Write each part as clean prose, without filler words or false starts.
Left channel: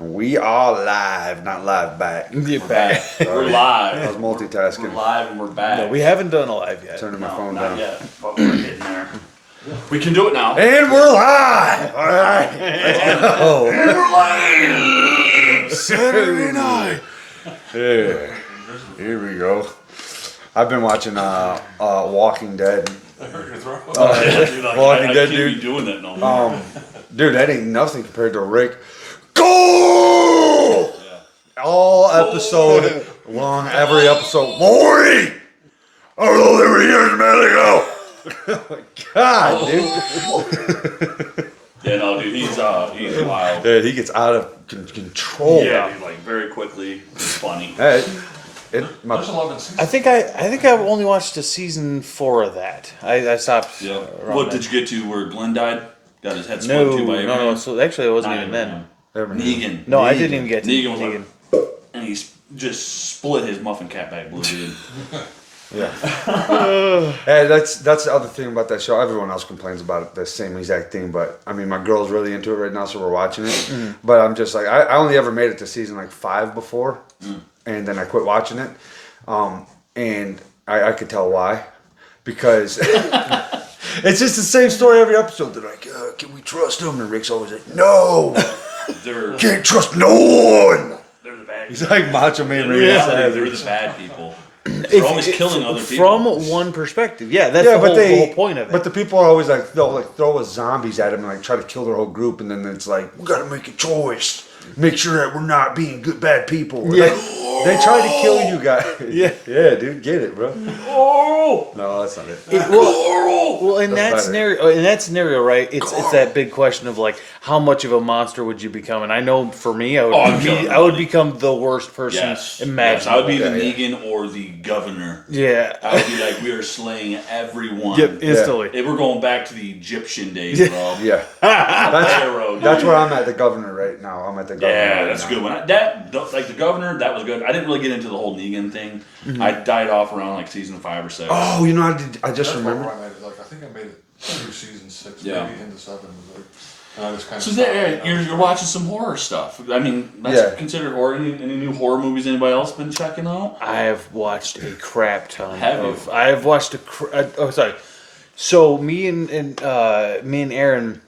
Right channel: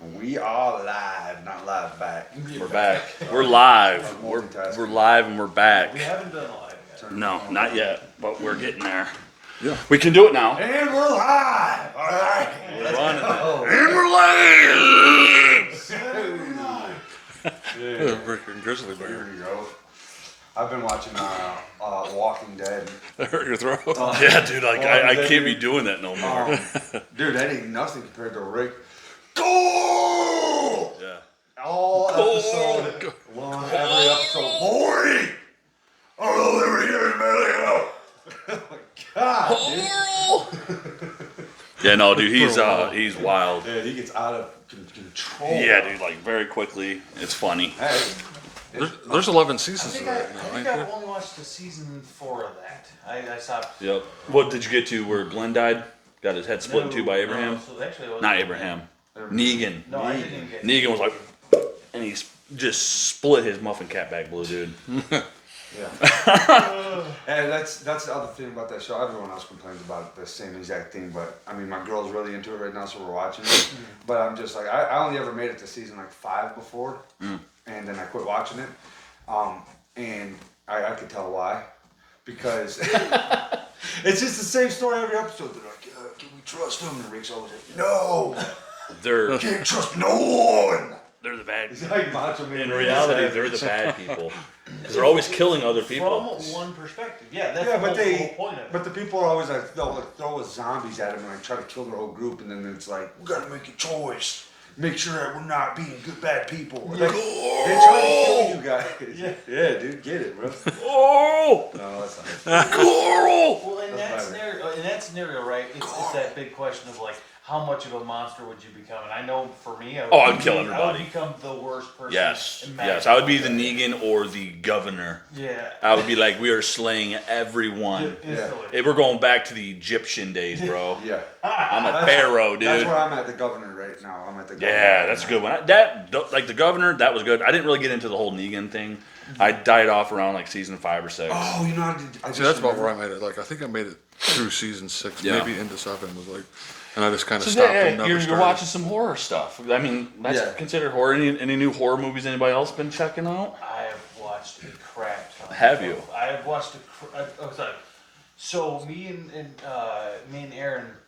We are live, not live back. We're back. We're I live. was multitasking. We're live and we're back. No, we haven't done a live yet. Turning my No, phone not down. yet, but we're getting there. Yeah. We can do it now. And we're live! Alright. And we're live. Saturday night. Yeah. Grizzly. Here we go. I've been watching Walking Dead. I hurt your throat. Yeah, dude, like, Walking I Dead, can't dude. be doing that no more. Dude, that ain't nothing compared to Rick. Go! All episode long, every episode. Maury! I don't know they were years a minute ago. God, dude. Yeah, no, dude, he's wild. Dude, he gets out of control. Yeah, dude, like very quickly. It's funny. Hey, There's 11 seasons. I think I've only watched a season 4 of that. I stopped. Yeah. around What that. did you get to where Glenn died? Got his head split too by Abraham? No. So actually, it wasn't Not even then. Abraham. Negan. No, I didn't even get to Negan was like, and he just split his muffin cap back blue, dude. And that's the other thing about that show. Everyone else complains about it, the same exact thing. But I mean, my girl's really into it right now, so we're watching it. But I'm just like, I only ever made it to season like 5 before, and then I quit watching it. And I could tell why, because it's just the same story every episode. They're like, can we trust him? And Rick's always like, no, They're can't trust no one. they're the bad He's people. like Macho Man. In Randy reality, they're Savage. the bad people. They're always killing other people. From one perspective. Yeah, that's the whole point of it. But the people are always like, they'll like throw a zombies at him and like try to kill their whole group, and then it's like, we gotta make a choice. Make sure that we're not being good bad people. Yeah. Like, they try to kill you guys. Yeah. Yeah, dude, get it, bro. Oh! No, that's not it. Well, in that better. scenario, right? It's that big question of like, how much of a monster would you become? And I know for me, I would, I'm killing I would everybody. become the worst person Yes. imaginable. Yes, I would be the Yeah, Negan or the governor. Yeah. I would be like, we are slaying everyone. Yep, instantly. Hey, we're going back to the Egyptian days, bro. Yeah. Pharaoh, dude. That's where I'm at, the governor right now. I'm at the governor. Yeah, right that's a now. good one. Like the governor, that was good. I didn't really get into the whole Negan thing. I died off around like season 5 or 6. Oh, you know, I Yeah, just that's about remember. where I made it. Like, I think I made it through season 6, Yeah. maybe into 7. Was like, and I just kind of So stopped. yeah, you're watching some horror stuff. I mean, that's Yeah. considered horror. Any new horror movies anybody else been checking out? I have watched a crap ton. Have you? I have watched oh, sorry. So me and Aaron,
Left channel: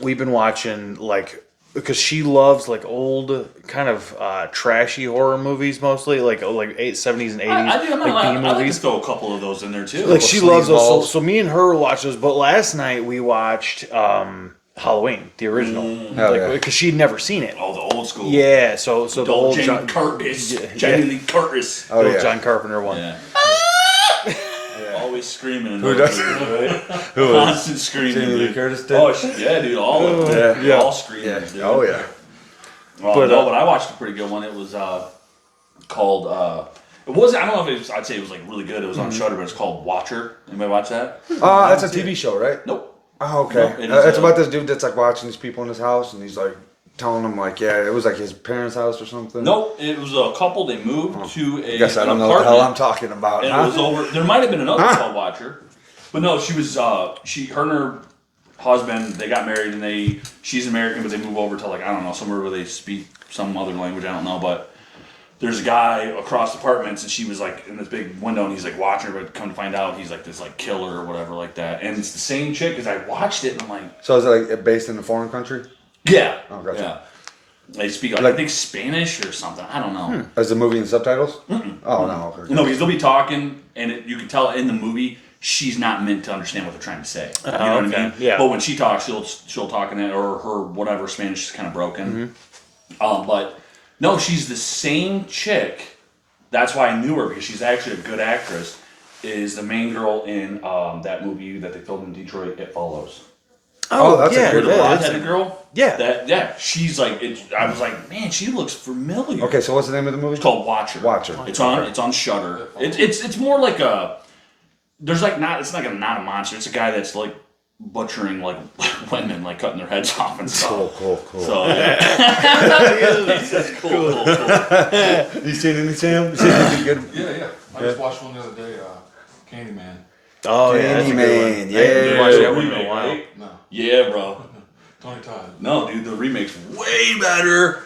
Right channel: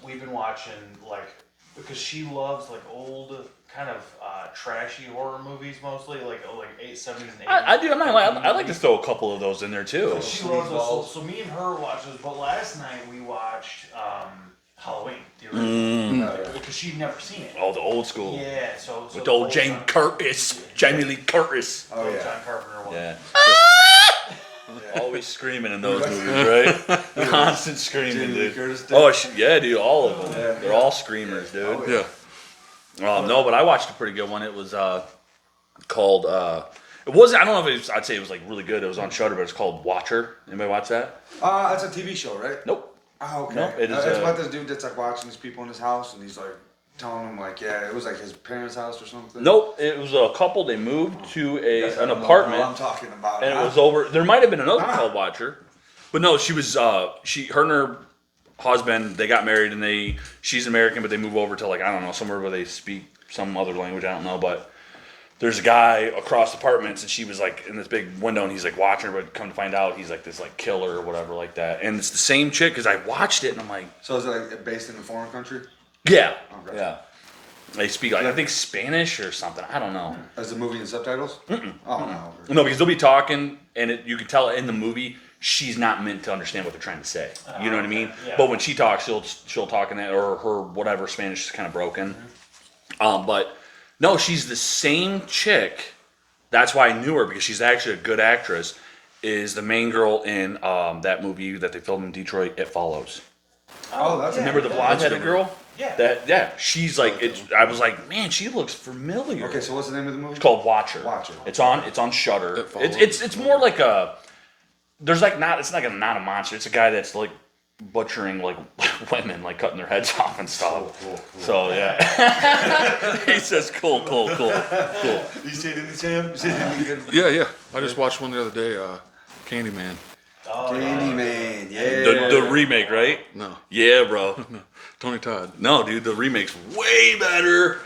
we've been watching like, because she loves like old kind of trashy horror movies mostly, like 70s and 80s. I do. I'm not like lying. B I like to movies. throw a couple of those in there too. Like she loves those. sleazeballs. So me and her watched those. But last night we watched Halloween, the original, Hell yeah. because she'd never seen it. Oh, the old school. Yeah. So the The old old Jamie John, Curtis. Yeah. Jamie Lee Curtis. Oh, the old yeah. John Carpenter one. Yeah. Always screaming in those movies, right? Constant screaming, Jamie Lee dude. Curtis did? Oh, yeah, dude. All of them. Yeah. All screaming, dude. Oh, yeah. But, But I watched a pretty good one. It was called. It was. I don't know if it was. I'd say it was like really good. It was on Shudder, but it's called Watcher. Anybody watch that? That's a TV show, right? Nope. Oh, okay. Nope, it is, It's about this dude that's like watching these people in his house, and he's like telling them like, yeah, it was like his parents' house or something. Nope. It was a couple. They moved to I guess I an don't know what the apartment. hell I'm talking about. And huh? it was over. There might have been another Huh? called Watcher, but no, she was. Her and her husband, they got married, and she's American, but they move over to like, I don't know, somewhere where they speak some other language. I don't know, but there's a guy across apartments, and she was like in this big window, and he's like watching her, but come to find out he's like this like killer or whatever like that. And it's the same chick, because I watched it and I'm like, So is it like based in a foreign country? yeah, Oh, gotcha. yeah. They speak like I think Spanish or something. I don't know. Is the movie in subtitles? Oh no. Okay. No, because they'll be talking, and you can tell in the movie she's not meant to understand what they're trying to say. You know what I okay. mean? Yeah. But when she talks, she'll talk in it, or her whatever Spanish is kind of broken. But no, she's the same chick. That's why I knew her, because she's actually a good actress. Is the main girl in that movie that they filmed in Detroit? It Follows. Oh, that's a yeah, good The one. blonde-headed girl. Yeah. Yeah. She's like. I was like, man, she looks familiar. Okay, so what's the name of the movie? It's called Watcher. Watcher. It's on Shudder. It's more like a. There's like not. It's like not a monster. It's a guy that's like butchering like women, like cutting their heads off and stuff. Cool. So yeah. It's just cool. You seen any Sam? You seen anything good? Yeah. I just watched one the other day, Candyman. Oh yeah. that's a good one. Candyman, yeah. The remake, right? No. Yeah, bro. Tony Todd. No, dude, the remake's way better.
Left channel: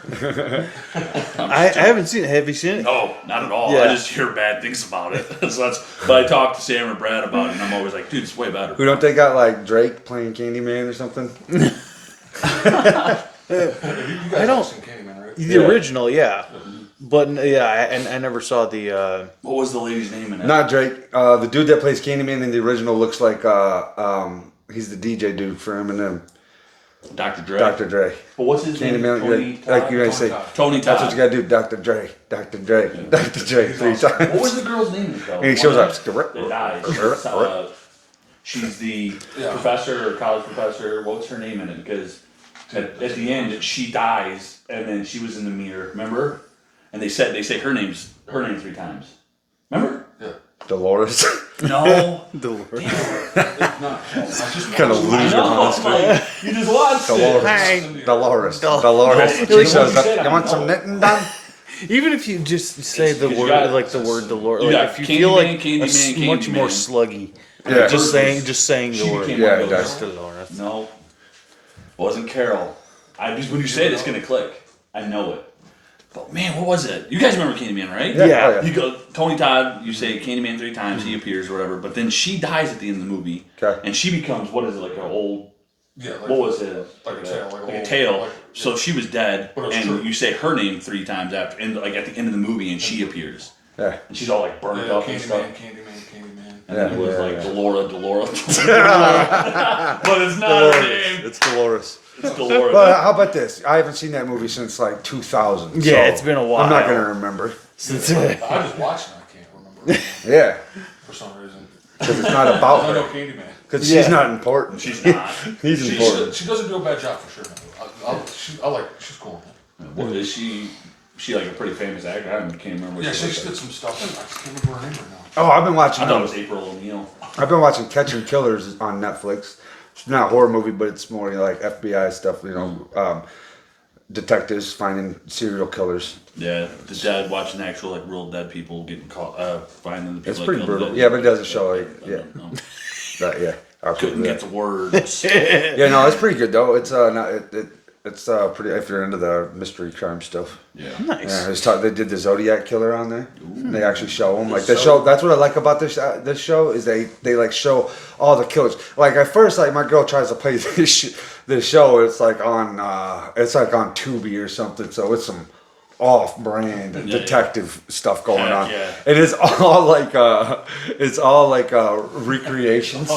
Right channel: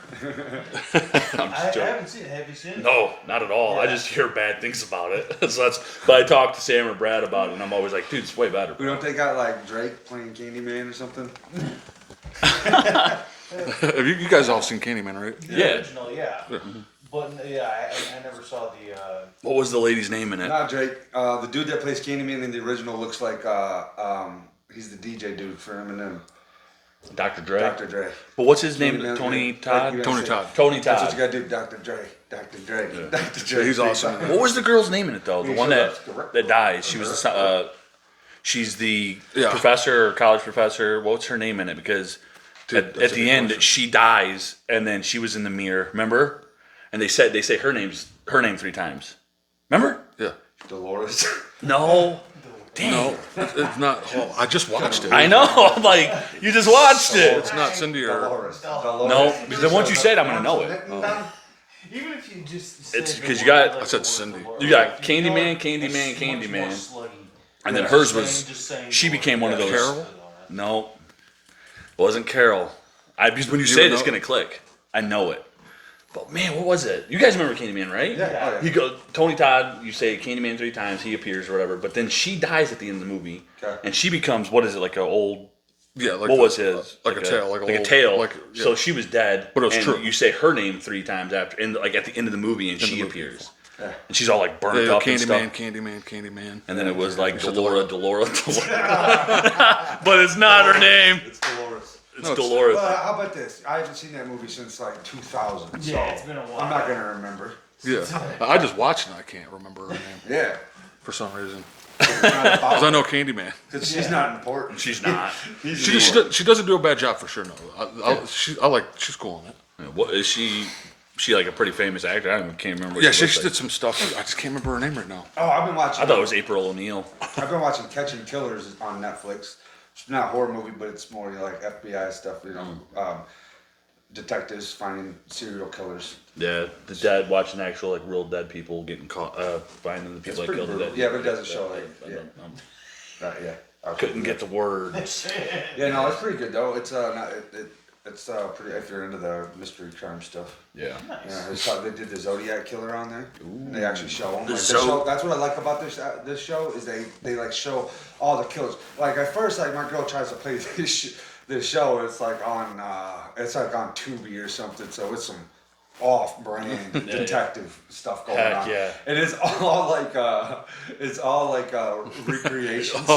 I haven't seen it. Have you seen it? No, not at all. Yeah. I just hear bad things about it. But I talk to Sam or Brad about it, and I'm always like, dude, it's way better. Who don't they got like Drake playing Candyman or something? Have you guys all seen Candyman, right? The Yeah. original, yeah. But yeah, I never saw the. What was the lady's name in it? Not Drake. The dude that plays Candyman in the original looks like he's the DJ dude for Eminem. Dr. Dre. Dr. Dre. But what's his name? Candyman, Tony like Todd? you're gonna Tony say, Todd. Tony That's what Todd. you gotta do, Dr. Dre. Dr. Dre. Dr. Dre. He's three awesome. times. What was the girl's name in it, though? He The shows one up. that died. She's the Yeah. professor or college professor. What's her name in it? Because Dude, at that's the a end, good she dies, and then she was in the mirror. Remember? And they say her name 3 times. Remember? Yeah. Dolores. No. It's not. I just watched Kinda it. weird. I know. Like you just watched Dolores. it. Not Cindy or- Dolores. No. Dolores. No, She once shows you up, said it, you I want know some it. knitting done? Even if you just say It's- the 'cause word, you got- like the it's- word Dolores, you like, got if you feel Candyman, like Candyman, much more Candyman. sluggy. And Yeah. the Just first was- saying. she the became word. one of Yeah, those. Just to Dolores. No, wasn't Carol. Because when you say it, it's know? gonna click. I know it. But man, what was it? You guys remember Candyman, right? Yeah. Oh, yeah. You go Tony Todd. You say Candyman 3 times. He appears or whatever. But then she dies at the end of the movie, Okay. and she becomes what is it like an old? Yeah, like What was his? Like a tail, like a little- tail. like- yeah. So she was dead. But it was and true. You say her name 3 times after, and like at the end of the movie, and she appears, Yeah. and she's all like burnt up and stuff. Candyman. And then it was like Yeah. Delora. But it's not her name. It's Dolores. It's Dolores. Well, how about this? I haven't seen that movie since like 2000. Yeah, so it's been a while. I'm not gonna remember. Yeah. I just watched it. I can't remember Yeah, for some reason. 'cause it's not about. Because I know Candyman. Because Yeah. she's not important. She's not. He's She important. she doesn't do a bad job for sure. No, she's cool. What is she? She like a pretty famous actor. I can't remember. What Yeah, she she looks did some stuff. I just can't remember her name right now. Oh, I've been watching. I thought it was April O'Neil. I've been watching Catching Killers on Netflix. It's not a horror movie, but it's more like FBI stuff. You know, detectives finding serial killers. Yeah, the dead watching actual like real dead people getting caught, finding the people. It's that pretty killed brutal. them. Yeah, but it doesn't show like I yeah, don't know. yeah. I'll Couldn't put get that. the words. Yeah, no, it's pretty good though. It's it's pretty if you're into the mystery crime stuff. Yeah. Nice. Yeah, they did the Zodiac killer on there. They actually show them. Like The they show. That's what I like about this show is they like show all the killers. Like at first, like my girl tries to play this show. It's like on Tubi or something. So it's some off-brand detective stuff going Heck on. yeah. And it's all like recreations.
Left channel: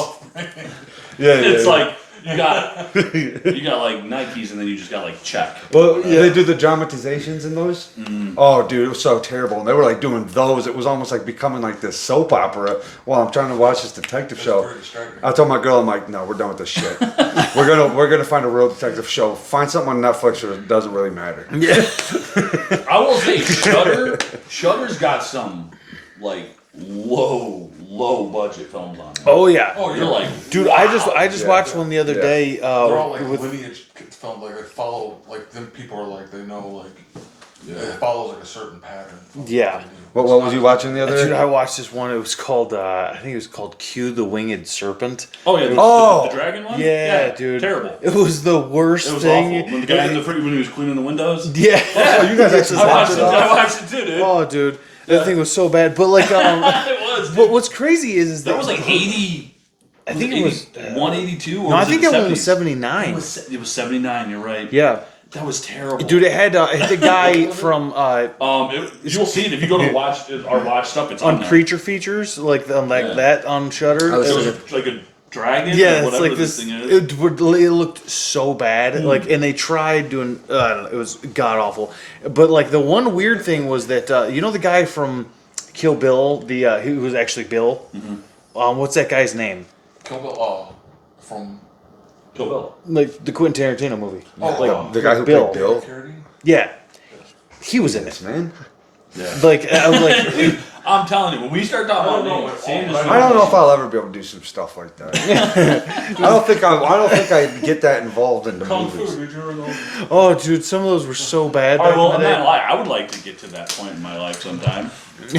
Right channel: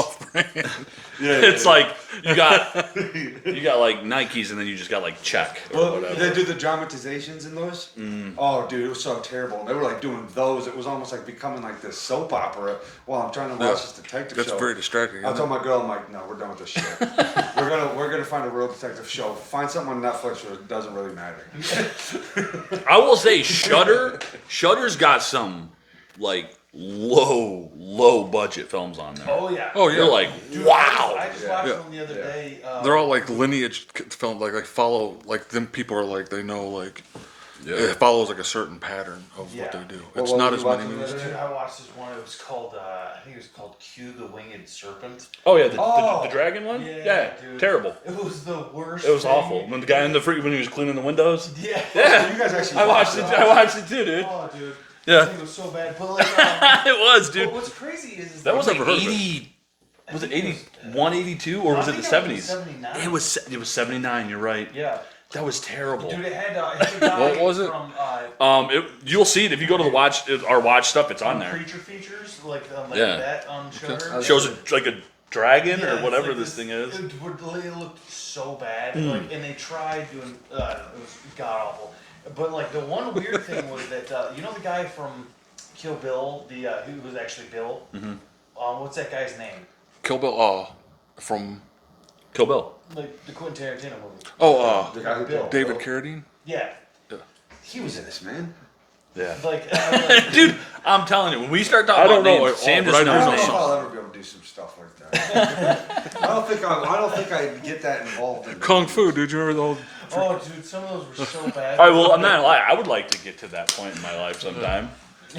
Yeah, It's yeah. like you got like Nikes and then you just got like check. Well, they do the dramatizations in those. Oh, dude, it was so terrible. And they were like doing those. It was almost like becoming like this soap opera while I'm trying to watch this detective That's show. very distracting. I told my girl, I'm like, no, we're done with this shit. we're gonna find a real detective show. Find something on Netflix, or it doesn't really matter. I will say Shudder's got some like low budget films on there. Oh yeah. Oh yeah, They're like, Dude, wow. I just watched one the other Yeah. day. they're all like with- lineage film, like follow like them. People are like they know like Yeah. it follows like a certain pattern. Of Yeah. What they do. What It's was not you as watching many- the other Dude, day? I watched this one. It was called I think it was called Q the Winged Serpent. Oh yeah, the dragon one. Yeah, dude. terrible. It was the worst It was thing. awful. When the guy in the when he was cleaning the windows. Yeah. You guys actually I watched watched it it. all? I watched it too, dude. Oh, dude. Yeah. That thing was so bad. But like, It was, dude. but what's crazy is that was like 80. I think it was. 182 or No, I was think it that one 70s? was 79. It was 79. You're right. Yeah. That was terrible. Dude, it had the guy What was it? from You'll see it if you go to our watch stuff. It's on on there. Creature Features, like on Yeah. that on Shutter. I was It was like a dragon Yeah, or it's whatever like this this. thing is. It looked so bad. Like, and they tried doing. I don't know, it was god awful. But like the one weird thing was that you know the guy from Kill Bill, the who was actually Bill. What's that guy's name? Kill Bill. From Kill Bill. Like the Quentin Tarantino movie. The guy who Bill. played Bill. David Carradine. Yeah, he was in it. Man, Yeah. Like I was like, Dude, I'm telling you, when we start talking I don't about know names, if Sam all- just but I don't know knows if I'll ever be able to do some stuff like that. I don't think I get that involved in Kung movies. Fu, dude. You remember the whole... oh, dude, some of those were so bad. All right, back well, in I'm the not day. gonna lie. I would like to get to that point in my life sometime.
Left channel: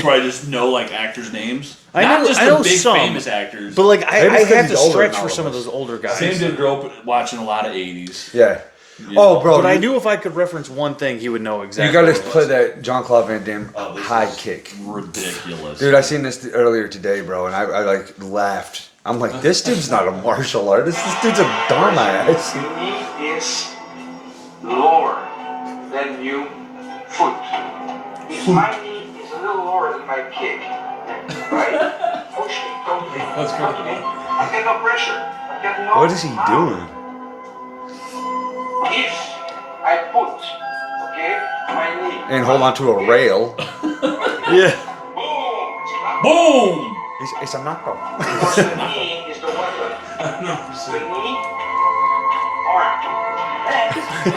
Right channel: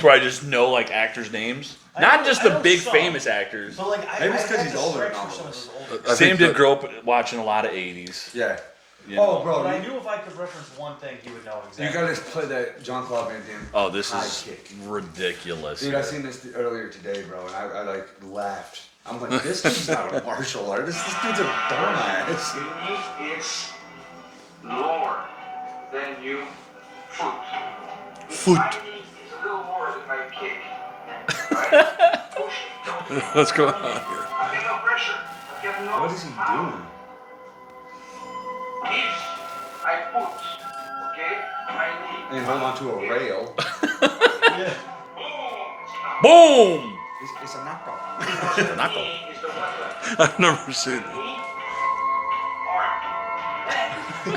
Where I just know like actors' names, I not know- just I the know big some. famous actors. But like Maybe I it's 'cause have to he's older stretch than for all some of of us. those older guys. Sam did grow up watching a lot of '80s. Yeah. Oh, bro. But I you- knew if I could reference one thing, he would know exactly. You gotta what it play was. that Jean-Claude Van Damme Oh, this high is kick. ridiculous. Dude, I seen this earlier today, bro, and I like laughed. I'm like, this dude's not a martial artist. This dude's a dumbass. Knee is lower than your foot. If my knee is a little lower than my kick, right? Push me, don't kick. Let's go. I get no pressure. I get no What is he power. doing? If I put, okay, my knee. And hold on to a rail. Yeah. Boom! Boom! It's a knockout. The knee is the weapon. I've never The seen it. knee, arm. Then,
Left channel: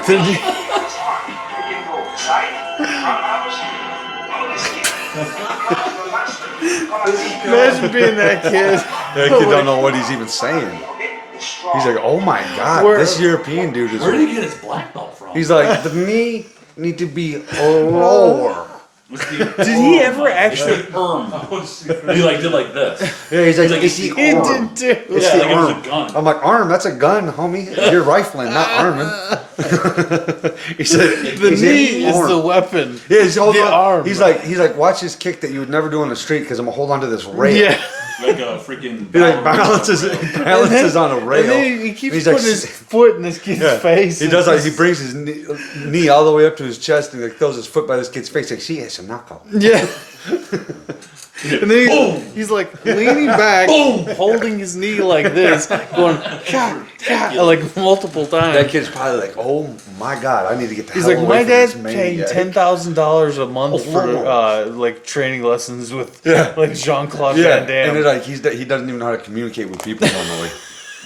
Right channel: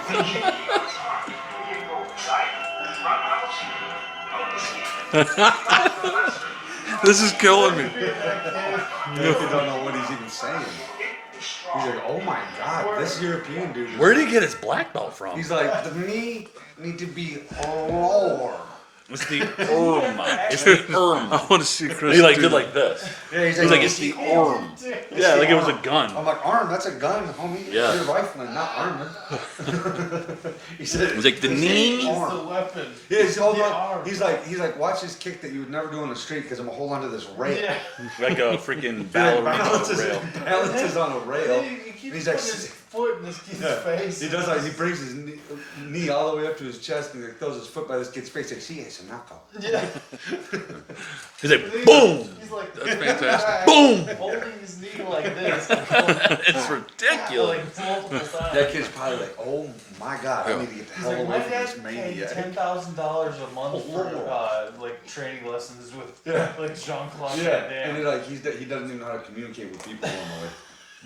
The knee- this arm, you can go side, front house, This is killing Imagine me. being that kid. That kid don't know what he's even saying. He's like, oh my god, Where- this European dude is. Where did he get his black belt from? He's like, the knee need to be lower. Did he ever actually? I want to see Chris. He like do did like this. Yeah, he's like, Like, it's he the He arm. did too. It's Yeah, the like it was a arm. gun. I'm like, arm, that's a gun, homie. Yeah. You're rifling, not arming. he said, Like, The he's knee like, is the arm. weapon. Yeah, he's holding the on. arm. He's like, watch this kick that you would never do on the street because I'm gonna hold on to this rail. Yeah. Like a freaking He like ballerina balances rail. balances on a rail. And then he keeps He's putting like, his foot in this kid's Yeah. face. He does like he brings his knee all the way up to his chest and like throws his foot by this kid's face. Like, see, it's a knockout. Yeah. He's like, And then boom! he's like leaning back, Boom! holding his knee like this, going ridiculous. like multiple That times. kid's probably like, oh my god, I need to get the He's hell like, away my from dad's this paying maniac." $10,000 a month for Whoa. like training lessons with Yeah. like Jean-Claude Yeah, Van Damme. and then like he doesn't even know how to communicate with people normally.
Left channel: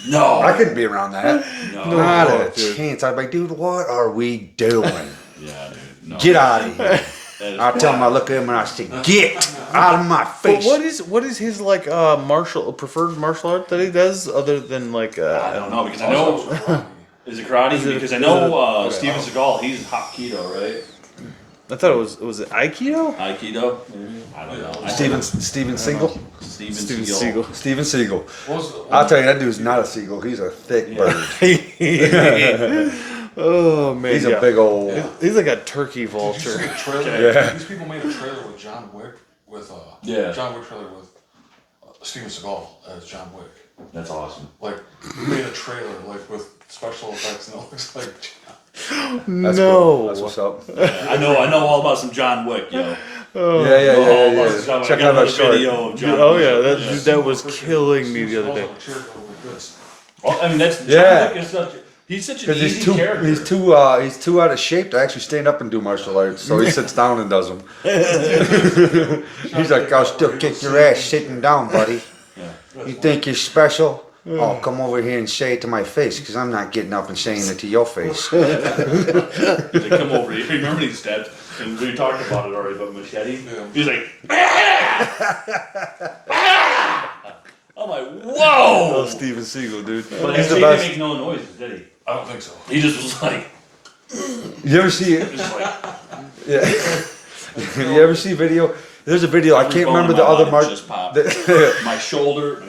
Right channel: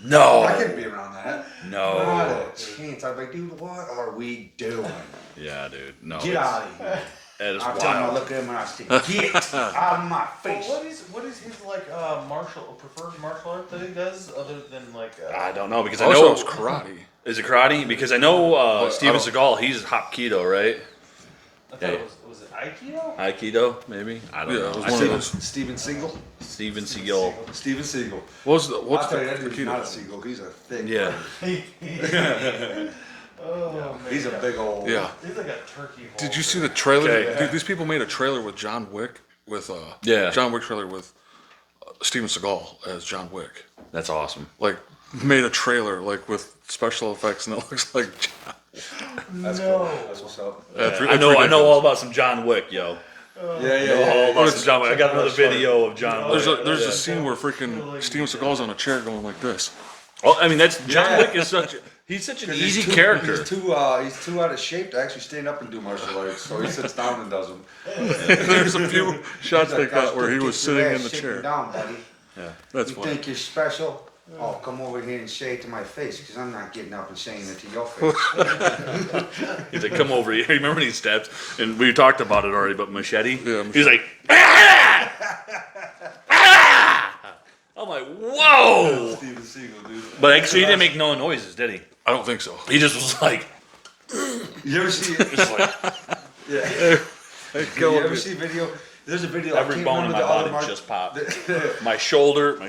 No. I couldn't be around that. No. Not a chance. I'd be like, dude, what are we doing? Yeah, dude. No. Get out of here. That is I tell him, I wild. look at him and I say, get out of my But face. what is his like preferred martial art that he does other than like I don't know because I Also, know it was karate. is it karate because I know Steven Seagal he's Hapkido right I thought it was it Aikido? Aikido maybe I don't Yeah, know it I was see Steven Seagal? Steven Steven Seagal. Seagal. Steven Seagal. What I'll tell you, that dude's not a seagull. He's a thick Yeah. bird. Oh man, He's yeah. a big old. Yeah. He's like a turkey vulture. Did you see the trailer? Yeah. These people made a trailer with John Wick with Yeah. John Wick trailer with Steven Seagal as John Wick. That's awesome. Like made a trailer like with special effects and it looks like That's No. cool. That's what's up. I know all about some John Wick yo. Yeah. All about some John Wick. I Check got out another our short. video of John Oh Wick. yeah, there's a that scene where was freaking killing me Steven the other Seagal's day. on a chair going like this. Well, I mean that's Yeah. John Wick is he's such an Because easy character. he's too out of shape to actually stand up and do martial arts. So he sits down and does them. There's a few shots He's like, I'll where still he kick was your sitting in ass the sitting chair. down, buddy. That's You funny. think you're special? Oh, come over here and say it to my face, because I'm not getting up and saying it to your face. He's like, come over here. Remember these stabs? And we talked about it already, but machete. Yeah. He's like, I'm like, whoa! Steven Seagal, dude. But He's the actually, he didn't best. make no noises, did he? I don't think so. He just was like, You ever see it? just like You ever see video? There's a video. I every can't bone in remember the my other body mark. just popped. My shoulder,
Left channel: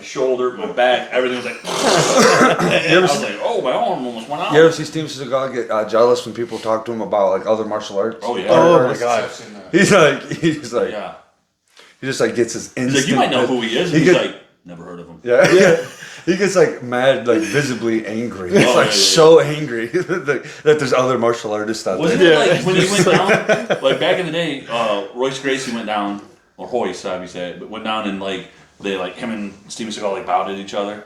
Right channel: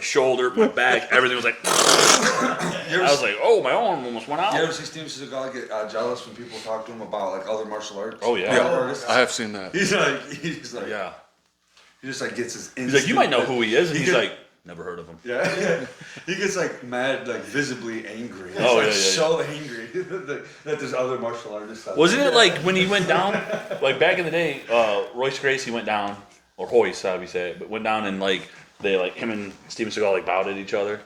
my back, everything was like. I was like, oh, my arm almost went out. You ever see Steven Seagal get jealous when people talk to him about like other martial arts? Oh, yeah. Oh my I have seen that. He's like, Yeah. he just like gets his instant. He's like, you might know who he is. And He he's get- like, never heard of him. Yeah. He gets like mad, like visibly angry. He's Oh, like yeah. so angry that there's other martial artists out Wasn't there. it like when he went down, like back in the day, Royce Gracie went down, or Hoyce, however you say it, but went down and like, they like, him and Steven Seagal like bowed at each other.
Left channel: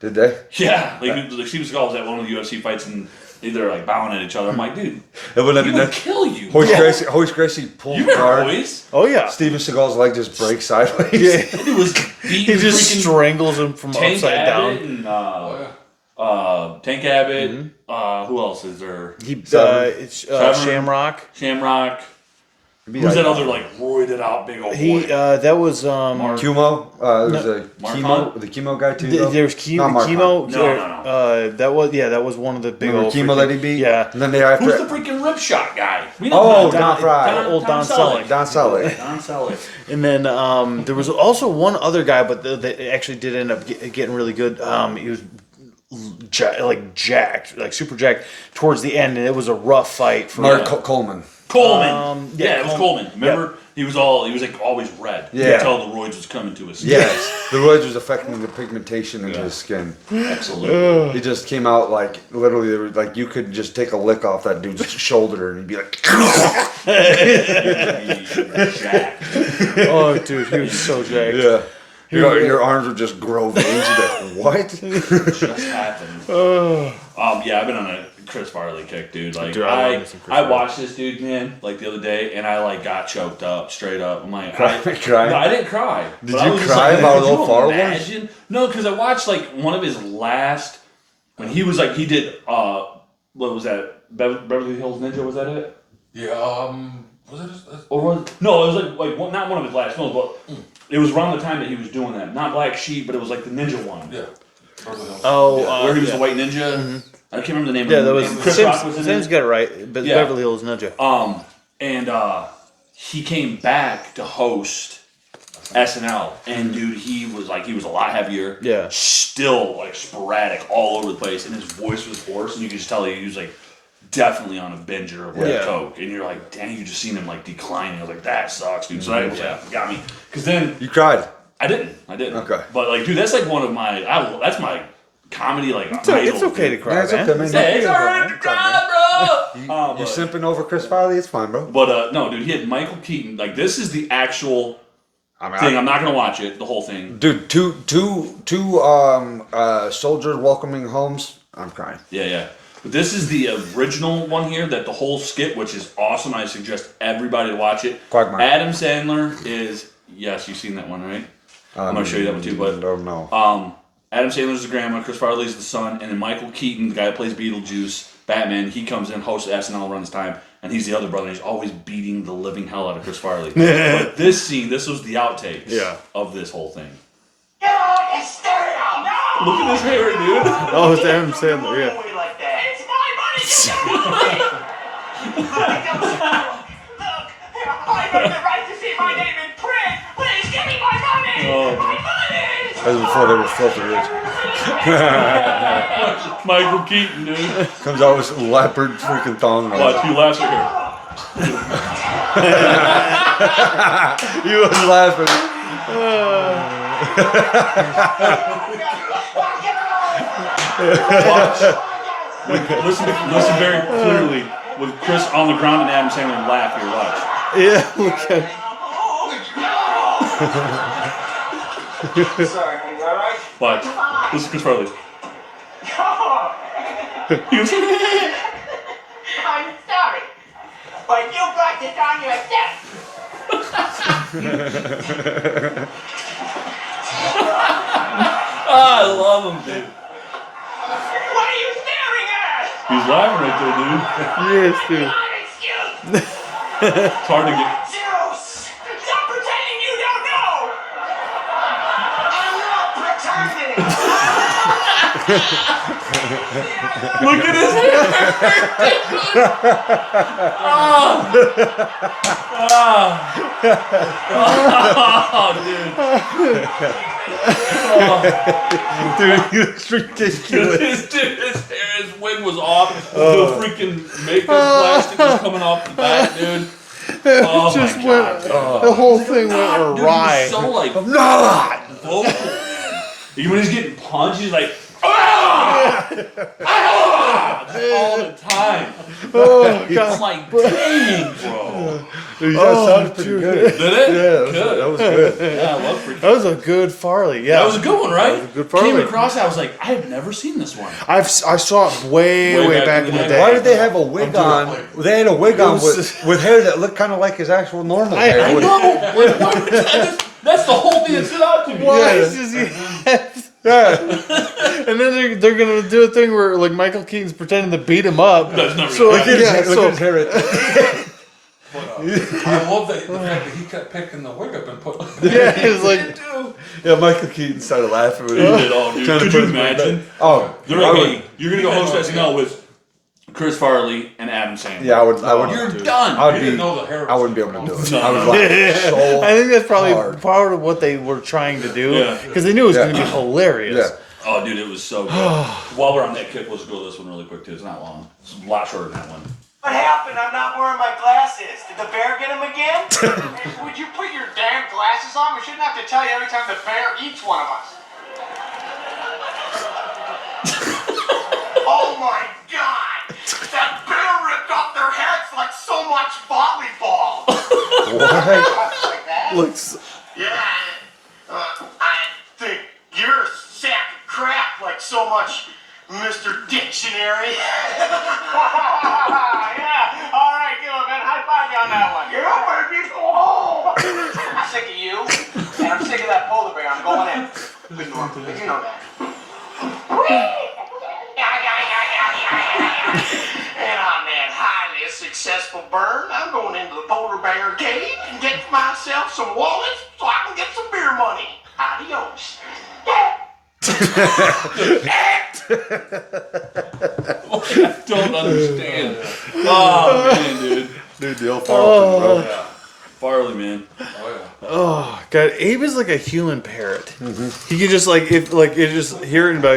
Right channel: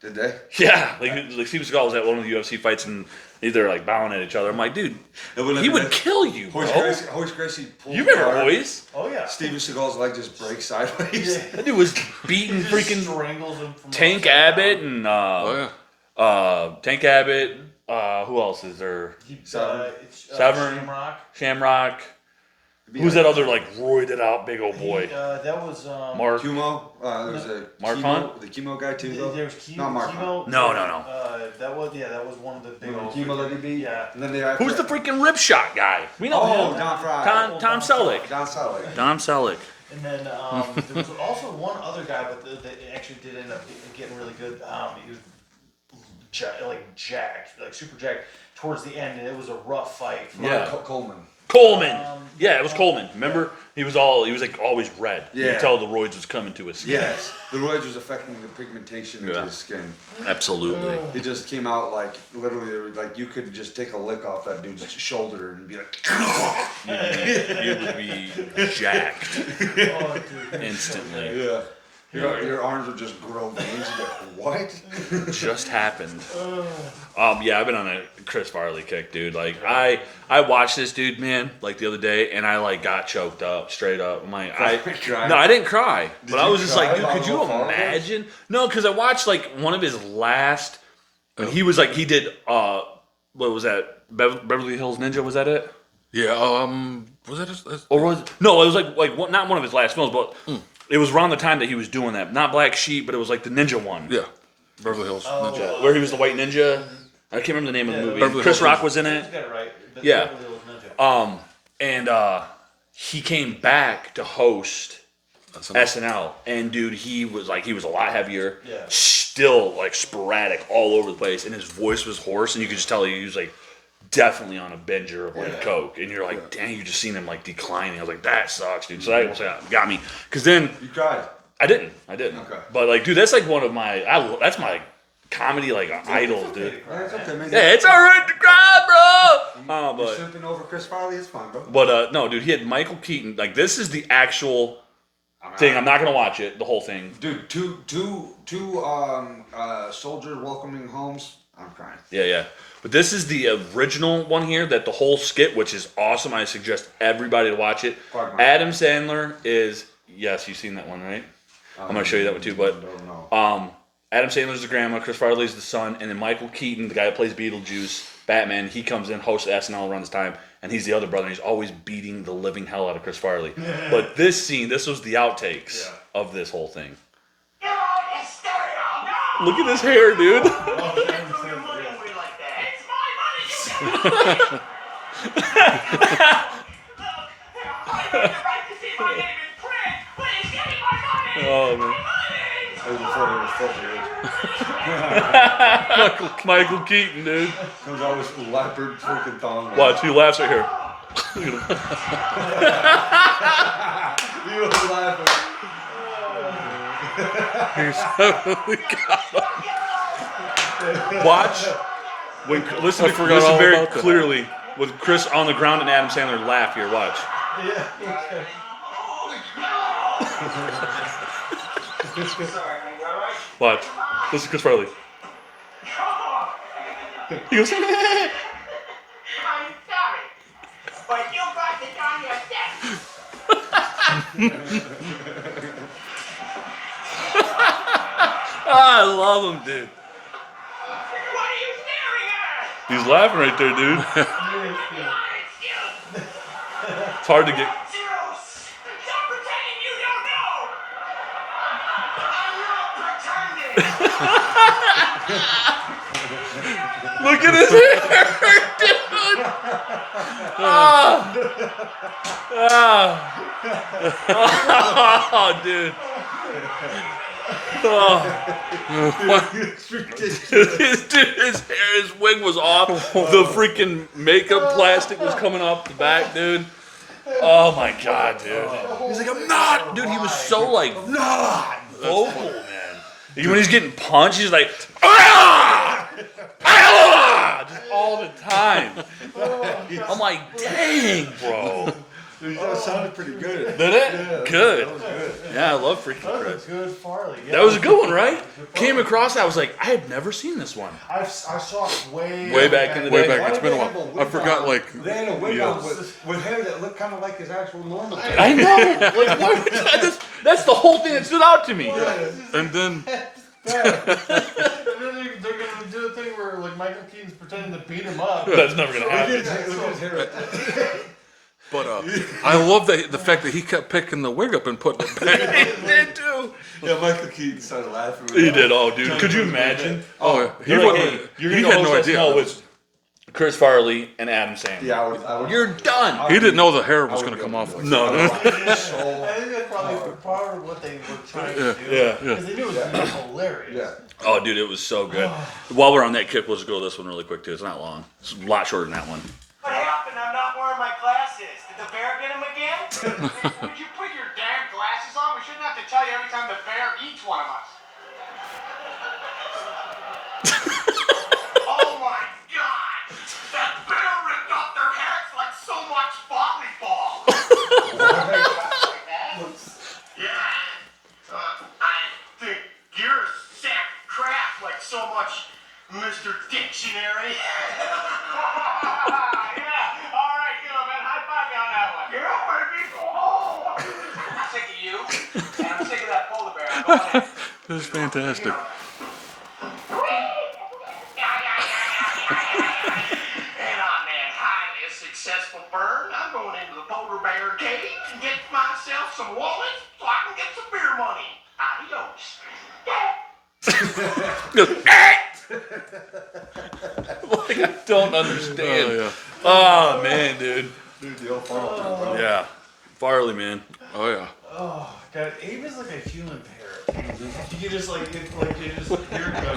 Did they? Yeah, like Steven Seagal was at one of the UFC fights and they're like bowing at each other. I'm like, dude, It would have he been would kill you. Hoist Gracie pulled You remember guard. Hoyce? Oh yeah. Steven Seagal's leg just breaks sideways. Yeah. He was He beating just freaking strangles him from Tank upside Abbott down. and Oh yeah. Tank Abbott. Who else is there? He Severn. it's Severn. Shamrock. Shamrock. Who's that other like roided out big old He boy? that was Mark. Cuomo. There's a Mark chemo, Hunt? the chemo guy too. though? There's Not Mark chemo. No. That was one of the big Remember old chemo that he beat? Yeah. And then they have Who's the freaking rip shot guy? We know Oh, him. Don Fry. Old Don Selleck. Don Selleck. Don Selleck. And then there was also one other guy, but they actually did end up getting really good. He was jacked, like super jacked towards the end, and it was a rough fight for Mark Coleman. Coleman. yeah, it was Coleman. Remember? He was like always red. You Yeah. could tell the roids was coming to his skin. Yes, the roids was affecting the pigmentation into his skin. Absolutely. He just came out like literally, there was, like you could just take a lick off that dude's shoulder and he'd be like, Jacked. Oh, dude, he was so jacked. yeah. Your arms would just grow veins. You'd be like, what? Just happened. Yeah, I've been on a Chris Farley kick, dude. Like Dude, I love I me some Chris watched this dude, man, like the other day, and I like got choked up straight up. I'm like, Cry? no, I didn't cry. Did but I you was just cry like, about could you Will Farley? imagine? No, because I watched like one of his last, and he was like, he did what was that? Beverly Hills Ninja, was that it? Yeah. Was it? Or was no? It was like not one of his last films, but it was around the time that he was doing that. Not Black Sheep, but it was like the ninja one. Yeah. Beverly Hills. Oh, where he was the white ninja. I can't remember the name Yeah, of that it. was Chris Rock was in Sam's it. got it right, but Yeah. Beverly Hills Ninja. And he came back to host SNL, and dude, he was a lot heavier. Yeah. Still like sporadic all over the place, and his voice was hoarse, and you could just tell he was like definitely on a binger of like Yeah. coke, and you're like, dang, you just seen him like declining. I was like, that sucks, dude. So that got me, because then You cried. I didn't. Okay. But like, dude, that's like one of my that's my comedy like It's idol. okay to dude. cry, Yeah, it's man. okay, man. Yeah, it's alright to cry, bro. You simping over Chris Farley? It's fine, bro. But no, dude, he had Michael Keaton. Like, this is the actual I mean, thing. I'm not gonna watch it, the whole thing. dude, two soldiers welcoming homes. I'm crying. Yeah. But this is the original one here. That the whole skit, which is awesome. I suggest everybody to watch it. Quagmire. Adam Sandler is yes, you've seen that one, right? I'm gonna show you that one too. But no. Adam Sandler's the grandma, Chris Farley's the son, and then Michael Keaton, the guy that plays Beetlejuice, Batman, he comes in, hosts SNL, runs time, and he's the other brother. He's always beating the living hell out of Chris Farley. But this scene, this was the outtakes of this whole thing. Get on and start it out. No! Look at his hair, dude. Oh, it's Adam Sandler, yeah. Away like that. It's my money. Look, I have the right to see my name in print. Please give me my money. My money. That was before they were filthy rich. Michael Keaton, dude. Comes out with some leopard freaking thong. Watch, he laughs at her. He was laughing. Watch. Listen very clearly with Chris on the ground and Adam Sandler laugh here. Watch. Yeah, okay. Sorry, honey, all right? Watch. Listen to Chris Farley. He goes, I'm sorry, but you brought it on yourself. I love him, dude. What are you staring at? He's laughing right there, dude. Yes, dude. Not an excuse. It's hard to get. Zeus, stop pretending you don't know. I'm not pretending. Look at his hair, Dude, it's ridiculous. dude. His wig was off. The freaking makeup plastic was coming off the back, dude. Oh my god, dude. The whole thing went Dude, he awry. was so like vocal, man. Even when he's getting punched, he's like, ah! Ah! Just all the time. Oh, I'm God. like, dang, bro. Dude, that sounded pretty good. Did it? Yeah, Good. that was good. Yeah, I love freaking. That was a good Farley, yeah. That was a good one, right? That was a good Farley. Came across, I was like, I have never seen this one. I saw it way back in the day. Why did they have a wig forgot, on? like- They had a wig on was- with hair that looked kind of like his actual normal hair. I know. That's the whole thing that stood out to me. Why Yeah. is he- And then And then they're gonna do a thing where like Michael Keaton's pretending to beat him up. That's not So really like, Look at yeah, his, look so at his hair. But I love the fact that he kept picking the wig up and putting it back. Yeah, it was like, Yeah, Michael Keaton started laughing with He it. did. Oh, dude. Trying to Could put you his money imagine? back. Oh, You're I gonna would- go. You're gonna go had no host idea. SNL with Chris Farley and Adam Sandler. yeah, I would. You're done. I would He didn't be- know the hair I was wouldn't be going to able come to do off. it. I would laugh so I think that's probably hard. part of what they were trying to do Yeah. because they knew it was Yeah. going to be hilarious. Yeah. Oh, dude, it was so good. While we're on that kick, let's go this one really quick too. It's not long. It's a lot shorter than that one. What happened? I'm not wearing my glasses. Did the bear get him again? Would you put your damn glasses on? We shouldn't have to tell you every time the bear eats one of us. Oh my God! That bear ripped off their heads like so much volleyball. Like that? Looks. Yeah. I think you're a sack of crap like so much Mr. Dictionary. Yeah. All right, good, man. High five you on that one. Yeah, baby. Oh. I'm sick of you, and I'm sick of that polar bear. I'm going in. This is fantastic. You know that. And I'm that highly successful burn. I'm going into the polar bear cave and get myself some wallets so I can get some beer money. Adios. I don't understand. Oh man, dude. Dude, the old Farley, bro. Yeah. Farley, man. Oh yeah. Oh God, Abe is like a human parrot. He can just like if like you just hear it and be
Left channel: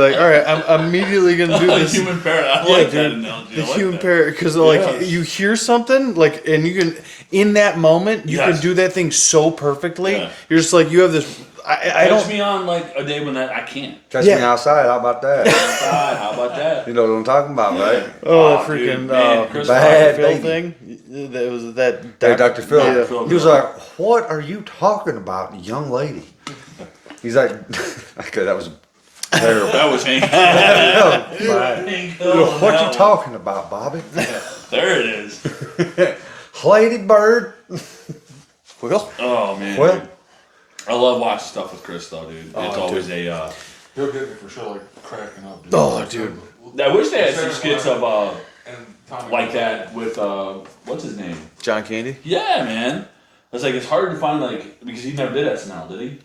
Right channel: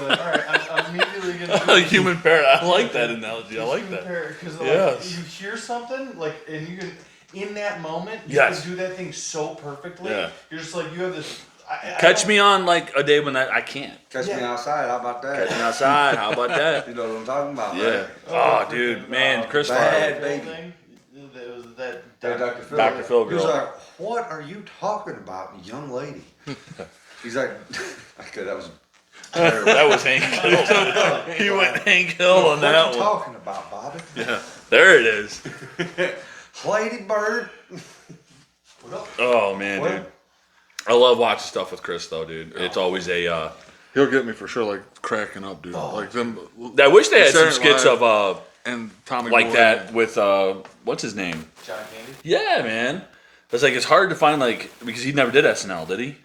like, all right, I'm immediately gonna do A this. human parrot. I like dude. that analogy. The I like human that. parrot, because like Yeah. you hear something like, and you can in that moment you Yes. can do that thing so perfectly. Yeah. You're just like you have this. I Catch don't, me on like a day when I can't. Catch Yeah. me outside. How about that? God, how about that? You know what I'm talking about, right? Oh, dude, freaking man, Chris bad Phil baby. thing. That was that. Hey, Dr. Phil. Yeah. Phil He was Girl. like, "What are you talking about, young lady?" He's like, "Okay, that was terrible." That was Hank Hill. He went Hank Hill on What that you one. talking about, Bobby? There it is. Lady Bird. Well, Oh man. Well, I love watching stuff with Chris though, dude. It's always a. He'll get me for sure, like cracking up, dude. Oh, like, dude. I wish they had some Saturday skits Night of and Tommy like Boy. that with what's his name? John Candy. Yeah, man. It's like it's hard to find like because he never did SNL, did he?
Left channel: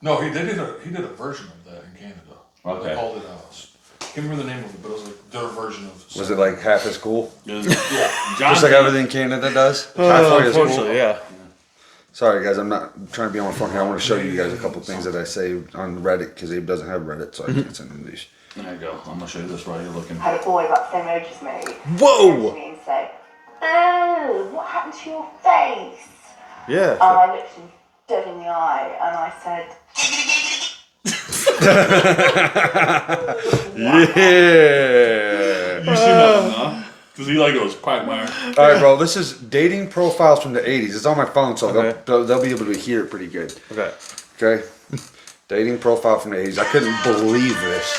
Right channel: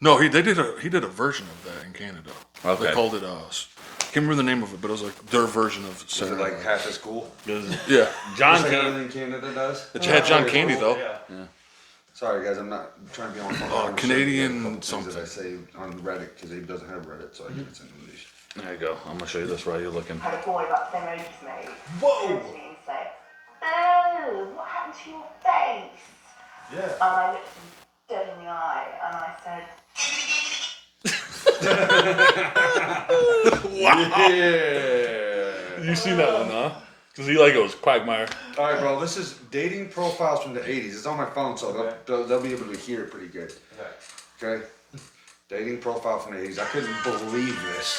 No, he did a version of that in Canada. Okay. They called it can't remember the name of it, but it was like their version of. was it like half as cool? It was Yeah. John. Just like everything Canada does? Unfortunately, yeah. Sorry, guys, I'm not trying to be on my phone here. I want to show you guys a Canadian couple things that I say on Reddit because Abe doesn't have Reddit, so I can't send him these. There you go. I'm gonna show you this while you're looking. Had a boy about the same age as me. Whoa! Turn to me and say, "Oh, what happened to your face?" Yeah. And I looked him dead in the eye and I said, Yeah. You seen that one, huh? Does he like goes Quagmire? All right, bro. This is dating profiles from the '80s. It's on my phone, so Okay. they'll be able to hear it pretty good. Okay. Okay. Dating profile from the '80s. I couldn't believe this.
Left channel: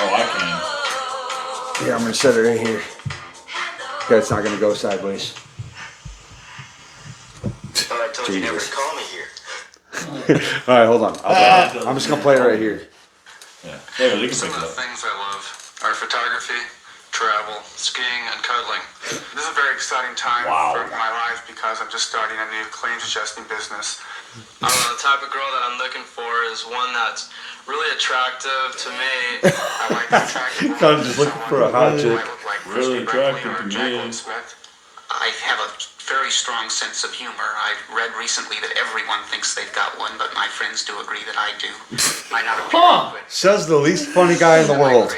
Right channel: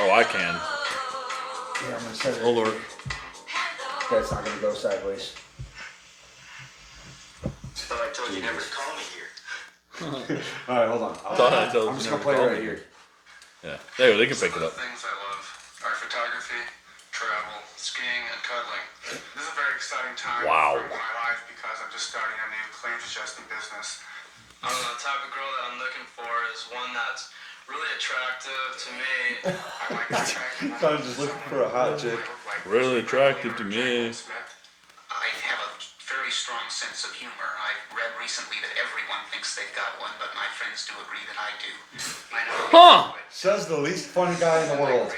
Oh, I can. Yeah, I'm gonna set it right here. Okay, it's not gonna go sideways. I told you never to Jesus. call me here. All right, hold on. I'm just gonna play it right here. Yeah. There, they can pick it Some up. of the things I love are photography, travel, skiing, and cuddling. This is a very exciting time Wow. for my life because I'm just starting a new claims adjusting business. I don't know, the type of girl that I'm looking for is one that's really attractive to me. I like the attractive Kind of just looking for a hot chick. Really attractive to me. I have a very strong sense of humor. I've read recently that everyone thinks they've got one, but my friends do agree that I do. I know Huh. Says the least funny guy in the world.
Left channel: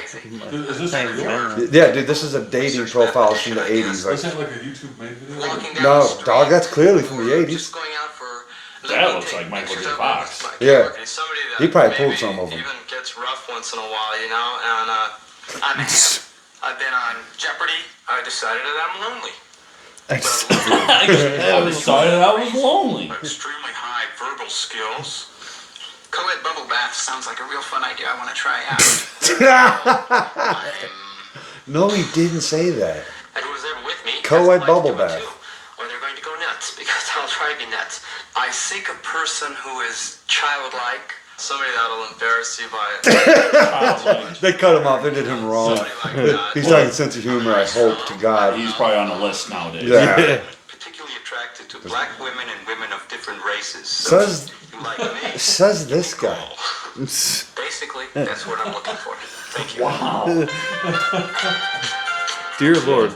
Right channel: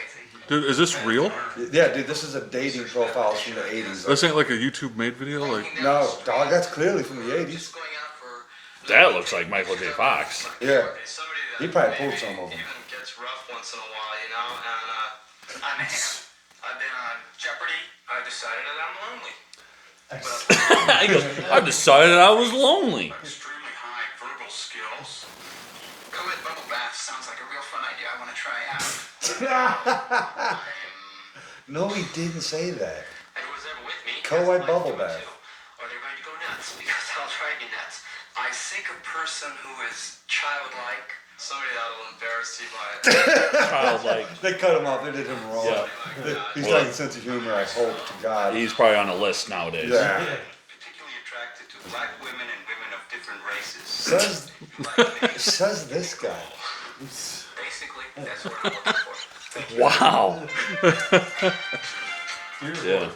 Dude, is this real? Yeah, dude, this is a dating profile from the '80s. This ain't like a YouTube made video. Like, No, dog, that's clearly from the '80s. Just going out for That looks like Michael J. Fox. Yeah. And somebody that He probably pulled maybe some of 'em. even gets rough once in a while, you know. And I'm a ham. I've been on Jeopardy. I decided that I'm lonely. I decided I was lonely. Extremely high verbal skills. Co-ed bubble bath sounds like a real fun idea I want to try out. No, he didn't say that. And who's ever with me, Co-ed has life bubble doing bath. too, or they're going to go nuts because I'll drive you nuts. I seek a person who is childlike, somebody that'll embarrass you by They cut him off. They did him wrong. somebody like that. He's talking sense of humor. I hope to God. He's probably on a list nowadays. Yeah. Particularly attractive attracted to black women and women of different races. Says Like me. says this guy. Basically, that's what I'm looking for. Thank you. Wow. Dear Lord.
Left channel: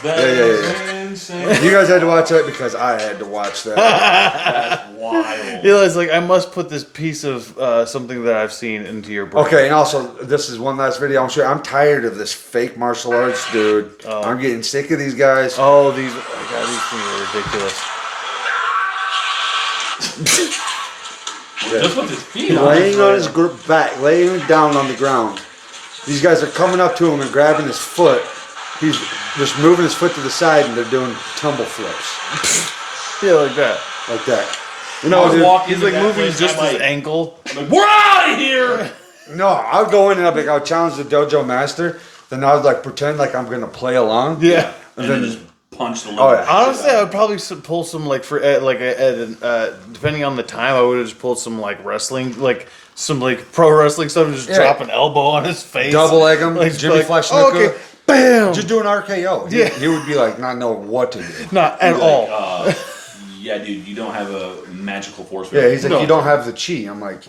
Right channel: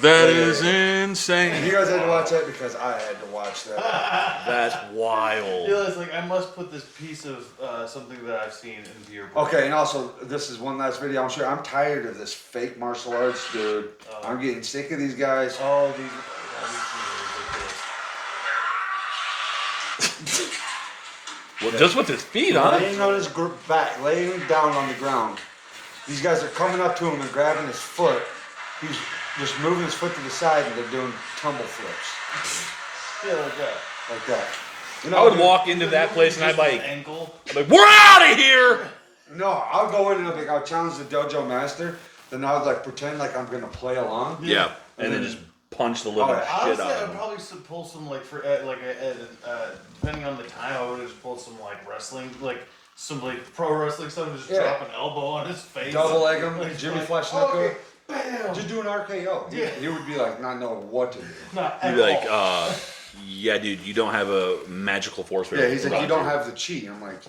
That Yeah, is yeah, insane. You guys had to watch that because I had to watch that. That's wild. Eli's like, I must put this piece of something that I've seen into your brain. Okay, and also this is one last video. I'm tired of this fake martial arts, dude. I'm getting sick of these guys. Oh, these things are ridiculous. Just with his feet on. Laying on his back, laying down on the ground. These guys are coming up to him and grabbing his foot. He's just moving his foot to the side, and they're doing tumble flips Yeah, like that. like that. You I know, was dude, walking He's to like that moving place, just I'm his like, ankle. we're out of here. no, I'll go in and I'll be like, I'll challenge the dojo master. Then I'll like pretend like I'm gonna play along. Yeah. And then just punch the Oh, living yeah. shit Honestly, out I of would probably pull some like for depending on the time, I would have just pulled some like wrestling, like some like pro wrestling stuff, and just Yeah. drop an elbow on his face, Double leg him, like, Jimmy like, Flash oh, Snuka. okay, bam, Just do an RKO. Yeah. He would be like not know what to do. not at Be all. like, yeah, dude, you don't have a magical force field. Yeah, he's like, No. you don't have the chi. I'm like,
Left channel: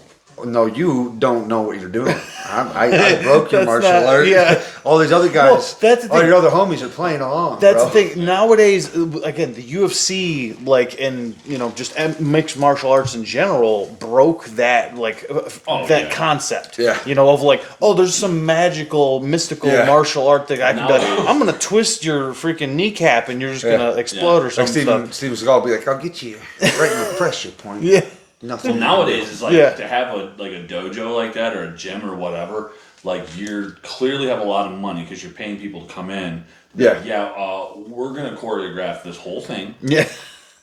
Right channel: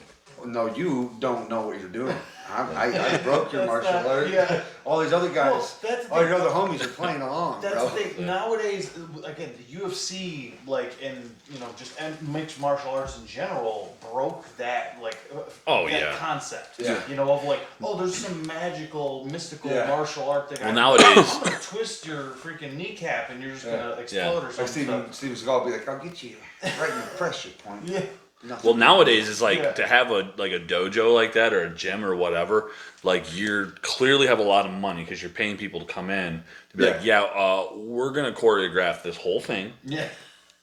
no, you don't know what you're doing. I broke your That's martial not- art. yeah. All these other guys, Well, that's the all thing. your other homies are playing along. That's bro. the thing. Nowadays, again, the UFC, like, and just mixed martial arts in general, broke that Oh, that yeah. concept. Yeah. Of like, oh, there's some magical, mystical Yeah. martial art that I can do. Nowadays- I'm gonna twist your freaking kneecap, and you're just Yeah. gonna explode or Like something. Steven Seagal will be like, I'll get you right in the pressure point. Yeah. Nothing. Well, nowadays it's like Yeah. to have a dojo like that or a gym or whatever. Like you're clearly have a lot of money because you're paying people to come in. To be like, we're gonna choreograph this whole thing, Yeah.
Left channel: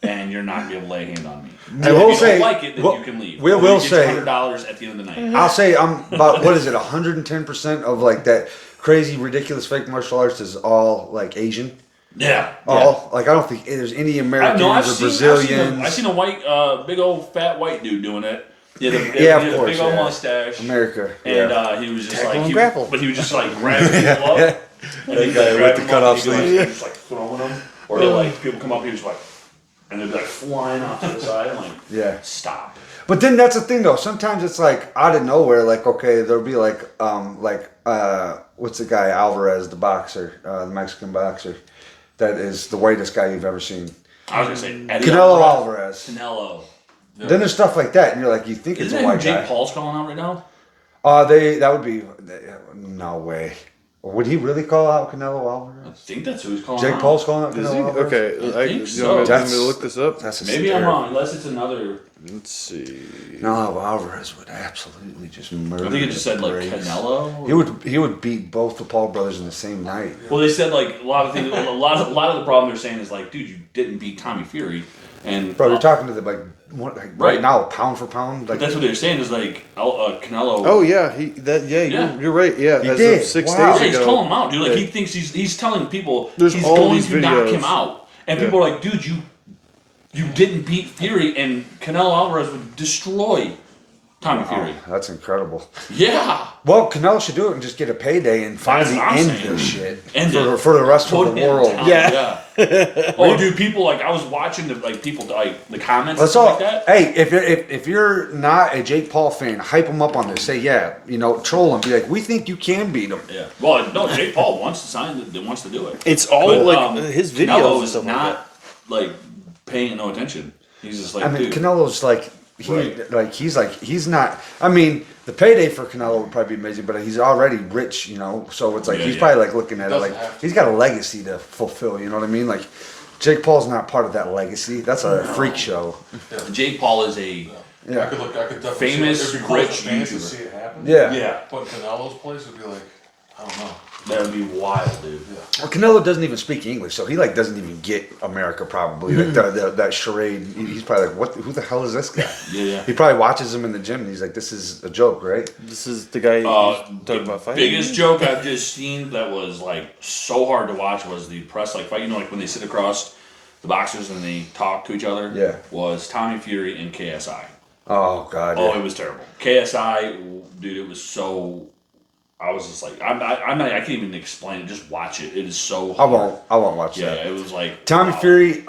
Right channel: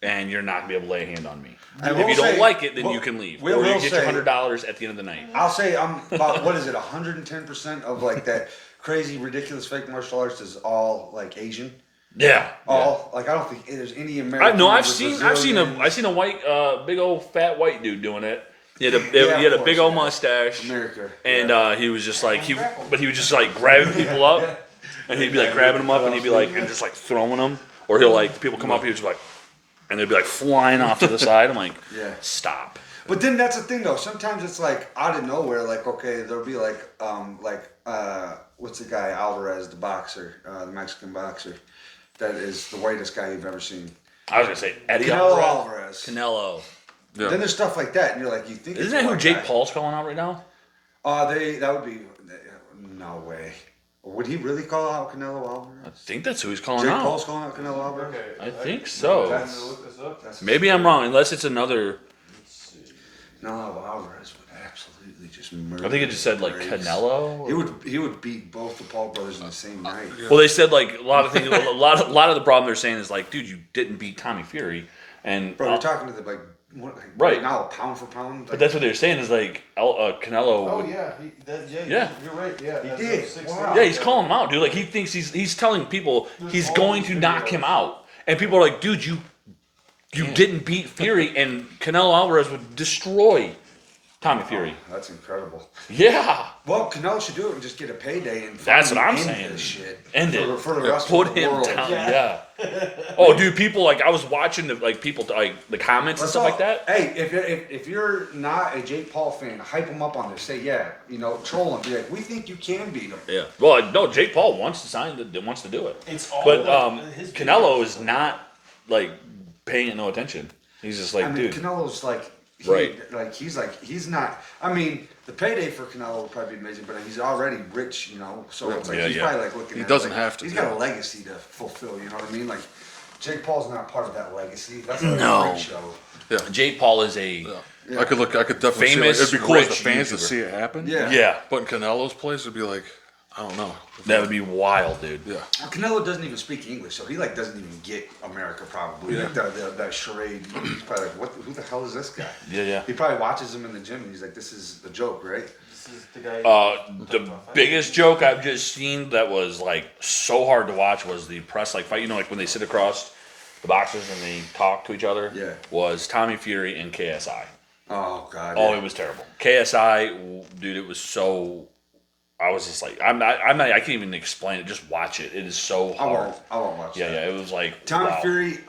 and you're not gonna be able to lay a hand on me. I And will if you say- don't like it, then well, you can leave. we Or will you get say- your $100 at the end of the night. I'll say I'm about, what is it, 110% of like that crazy, ridiculous fake martial arts is all like Asian. Yeah. All like I don't think there's any Americans I've or seen Brazilians. I've seen a white, big old fat white dude doing it. He had a, Yeah, he of had a course, big old yeah. mustache. America. And yeah. he was just Tackle like, and grapple. but he was just like grabbing people up, and he'd be like Yeah, grabbing with them the up, and he'd be cutoffs, like, just like throwing them, or he'll like people come up, he was like, and they'd be like flying off to the side. I'm like, Yeah. stop. But then that's the thing though. Sometimes it's like out of nowhere. Like okay, there'll be like what's the guy Alvarez, the boxer, the Mexican boxer, that is the whitest guy you've ever seen. I was gonna say Eddie Canelo Alvarez. Alvarez. Canelo. Yeah. Then there's stuff like that, and you're like, you think it's Isn't a that who white Jake guy. Paul's calling out right now? That would be no way. Would he really call out Canelo I Alvarez? think that's who he's calling Jake out. Paul's calling out Is Canelo he? Alvarez. Okay. I think you so. want me That's- to look this up? That's a Maybe I'm scary- wrong, unless it's another. Let's see. No, Alvarez would absolutely just murder. I think it just said like Graves. Canelo. He would beat both the Paul brothers in the same night. Well, they said like a lot of things. A lot of the problem they're saying is like, dude, you didn't beat Tommy Fury, and Bro, you're talking to the like right Right. now, pound for pound. But Like that's what they're saying is like Canelo. Oh yeah, Yeah. You're right. Yeah, He as did. of 6 Wow. days Yeah, he's ago. calling him out, dude. Like Yeah. he thinks he's telling people There's he's all going these to knock videos. him out, and people are like, dude, you didn't beat Fury, and Canelo Alvarez would destroy Tommy Fury. that's incredible. Yeah, Well, Canelo should do it and just get a payday and That's finally what I'm end saying. this shit End for, it. for the rest Put of the him world. down. Yeah. Oh, dude, people like I was watching the like people like the comments and That's stuff all. like that. Hey, if you're not a Jake Paul fan, hype him up on this. Say troll him. Be like, we think you can beat him. Yeah. Well, no, Jake Paul wants to sign it. Wants to do it. It's all But, like his videos. Canelo and is stuff not like paying it no attention. He's just like, I mean, dude. Canelo's like. He's not. I mean, the payday for Canelo would probably be amazing, but he's already rich, So it's like Yeah, he's yeah. probably like looking at it doesn't like have to. he's got a legacy to fulfill. You know what I mean? Like Jake Paul's not part of that legacy. That's a No. freak show. Jake Paul is a I could definitely Famous, see it. It'd be cool as rich the fans to YouTuber. see it happen. Yeah. yeah. But in Canelo's place, it'd be like, I don't know. That would be wild, dude. Yeah. Well, Canelo doesn't even speak English, so he doesn't even get America probably. Like that charade. He's probably like, what? Who the hell is this guy? Yeah, yeah. He probably watches him in the gym and he's like, this is a joke, right? This is the guy. talking The about fighting. biggest joke I've just seen that was like so hard to watch was the press like fight. Like when they sit across the boxers and they talk to each other. Yeah. Was Tommy Fury and KSI. Oh God. Oh, yeah. it was terrible. KSI, dude, it was so. I was just like, I can't even explain it. Just watch it. It is so I hard. won't watch Yeah, that. it was like Tommy wow. Fury,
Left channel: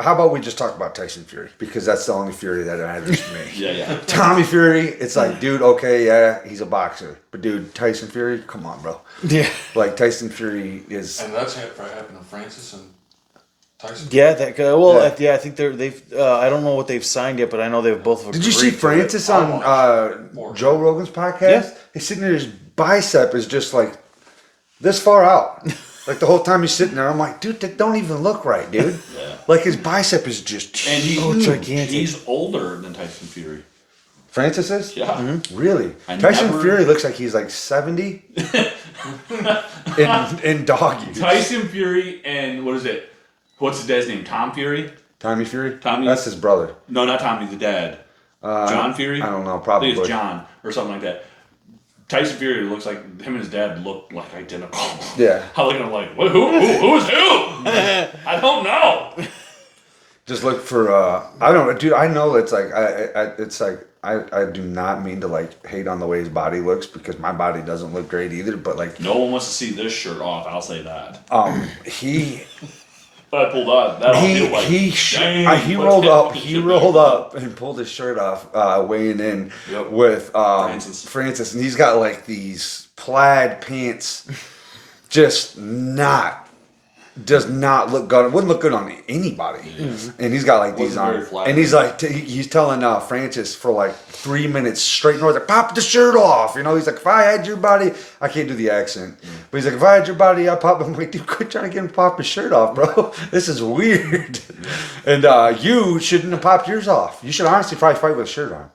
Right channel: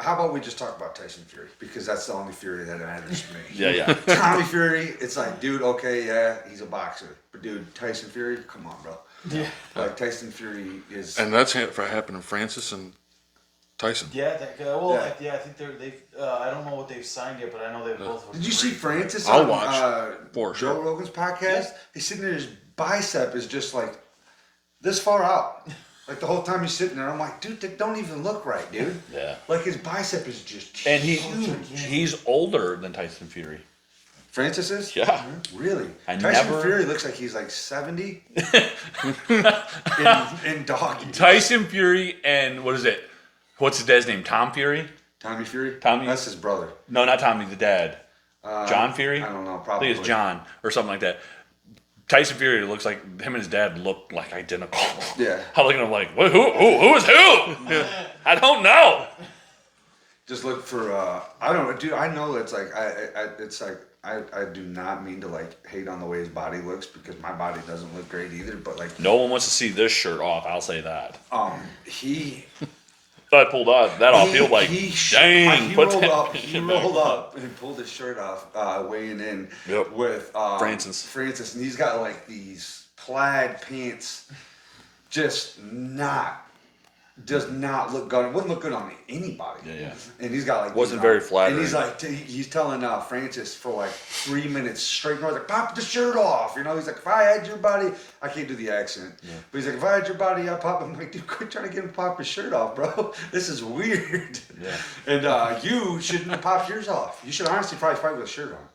how about we just talk about Tyson Fury? Because that's the only Fury that matters to me. Yeah. Tommy Fury, it's like, dude, okay, yeah, he's a boxer. But dude, Tyson Fury, come on, bro. Yeah. Like, Tyson Fury is... And that's happened to Francis and Tyson. Yeah, that guy. Well, Yeah. I think they've. I don't know what they've signed yet, but I know they've both. Did you see agreed to it. Francis I'll on watch. Joe Rogan's podcast? Yeah. He's sitting there, his bicep is just like this far out. Like the whole time he's sitting there, I'm like, dude, that don't even look right, dude. Yeah. Like his bicep is just And gigantic. he's older than Tyson Fury. Francis is? Yeah. Really? I Tyson never- Fury looks like he's like 70 in doggy. Tyson Fury and what is it? What's his dad's name? Tom Fury? Tommy Fury? Tommy- That's his brother. No, not Tommy, the dad. John Fury? I don't know, I probably. think it's John or something like that. Tyson Fury looks like him and his dad look like identical. Yeah. I'm looking at him like, what, who is who? I don't know. Just look for I don't know, dude. I know it's like I do not mean to like hate on the way his body looks because my body doesn't look great either. But like No one wants to see this shirt off. I'll say that. he If I pulled off, that I'll feel like, he dang. he put rolled that up shit back on. and pulled his shirt off weighing in Yep. with Francis. and he's got like these plaid pants, does not look good. It wouldn't look good on anybody. And he's got like these Wasn't on. very flattering. And he's like, he's telling Francis for like 3 minutes straight. And he's like, pop the shirt off. You know, he's like, if I had your body, I can't do the accent, but he's like, if I had your body, I'd pop. I'm like, dude, quit trying to get him to pop his shirt off, bro. This is weird. And you shouldn't have popped yours off. You should honestly probably fight with a shirt on.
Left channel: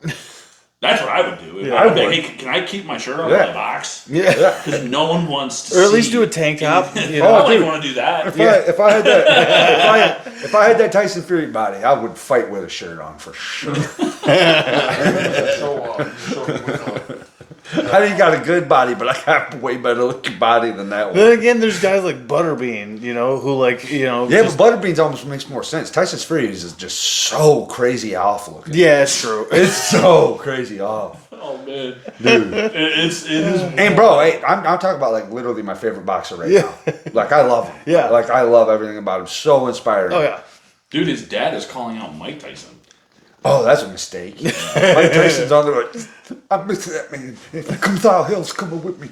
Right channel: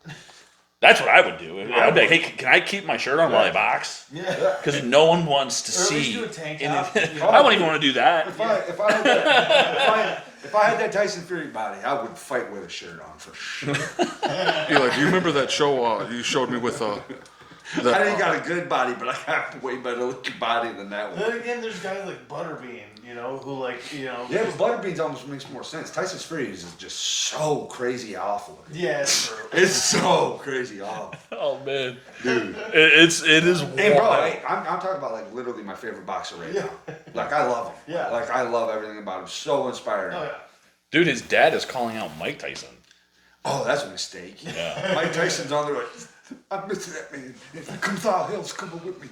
That's what I would do. I would be like, hey, can I keep my shirt on while I box? Yeah. Because no one wants to see. Or at least do a tank top. You know? I don't even want to do that. If I had that, if I had that Tyson Fury body, I would fight with a shirt on for sure. Remember that show you showed me with I think got a good body, but I got a way better looking body than that one. Then again, there's guys like Butterbean, you know, who like, you know. Yeah, just- but Butterbeans almost makes more sense. Tyson Fury is just so crazy off looking. Yeah, it's true. It's so crazy off. Oh man, dude, it is. And bro, I'm talking about like literally my favorite boxer right now. Like I love him. Yeah. Like I love everything about him. So inspiring. Oh yeah. Dude, his dad is calling out Mike Tyson. Oh, that's a mistake. Mike Tyson's on there like, I miss that man. If he comes out, hell's coming with me.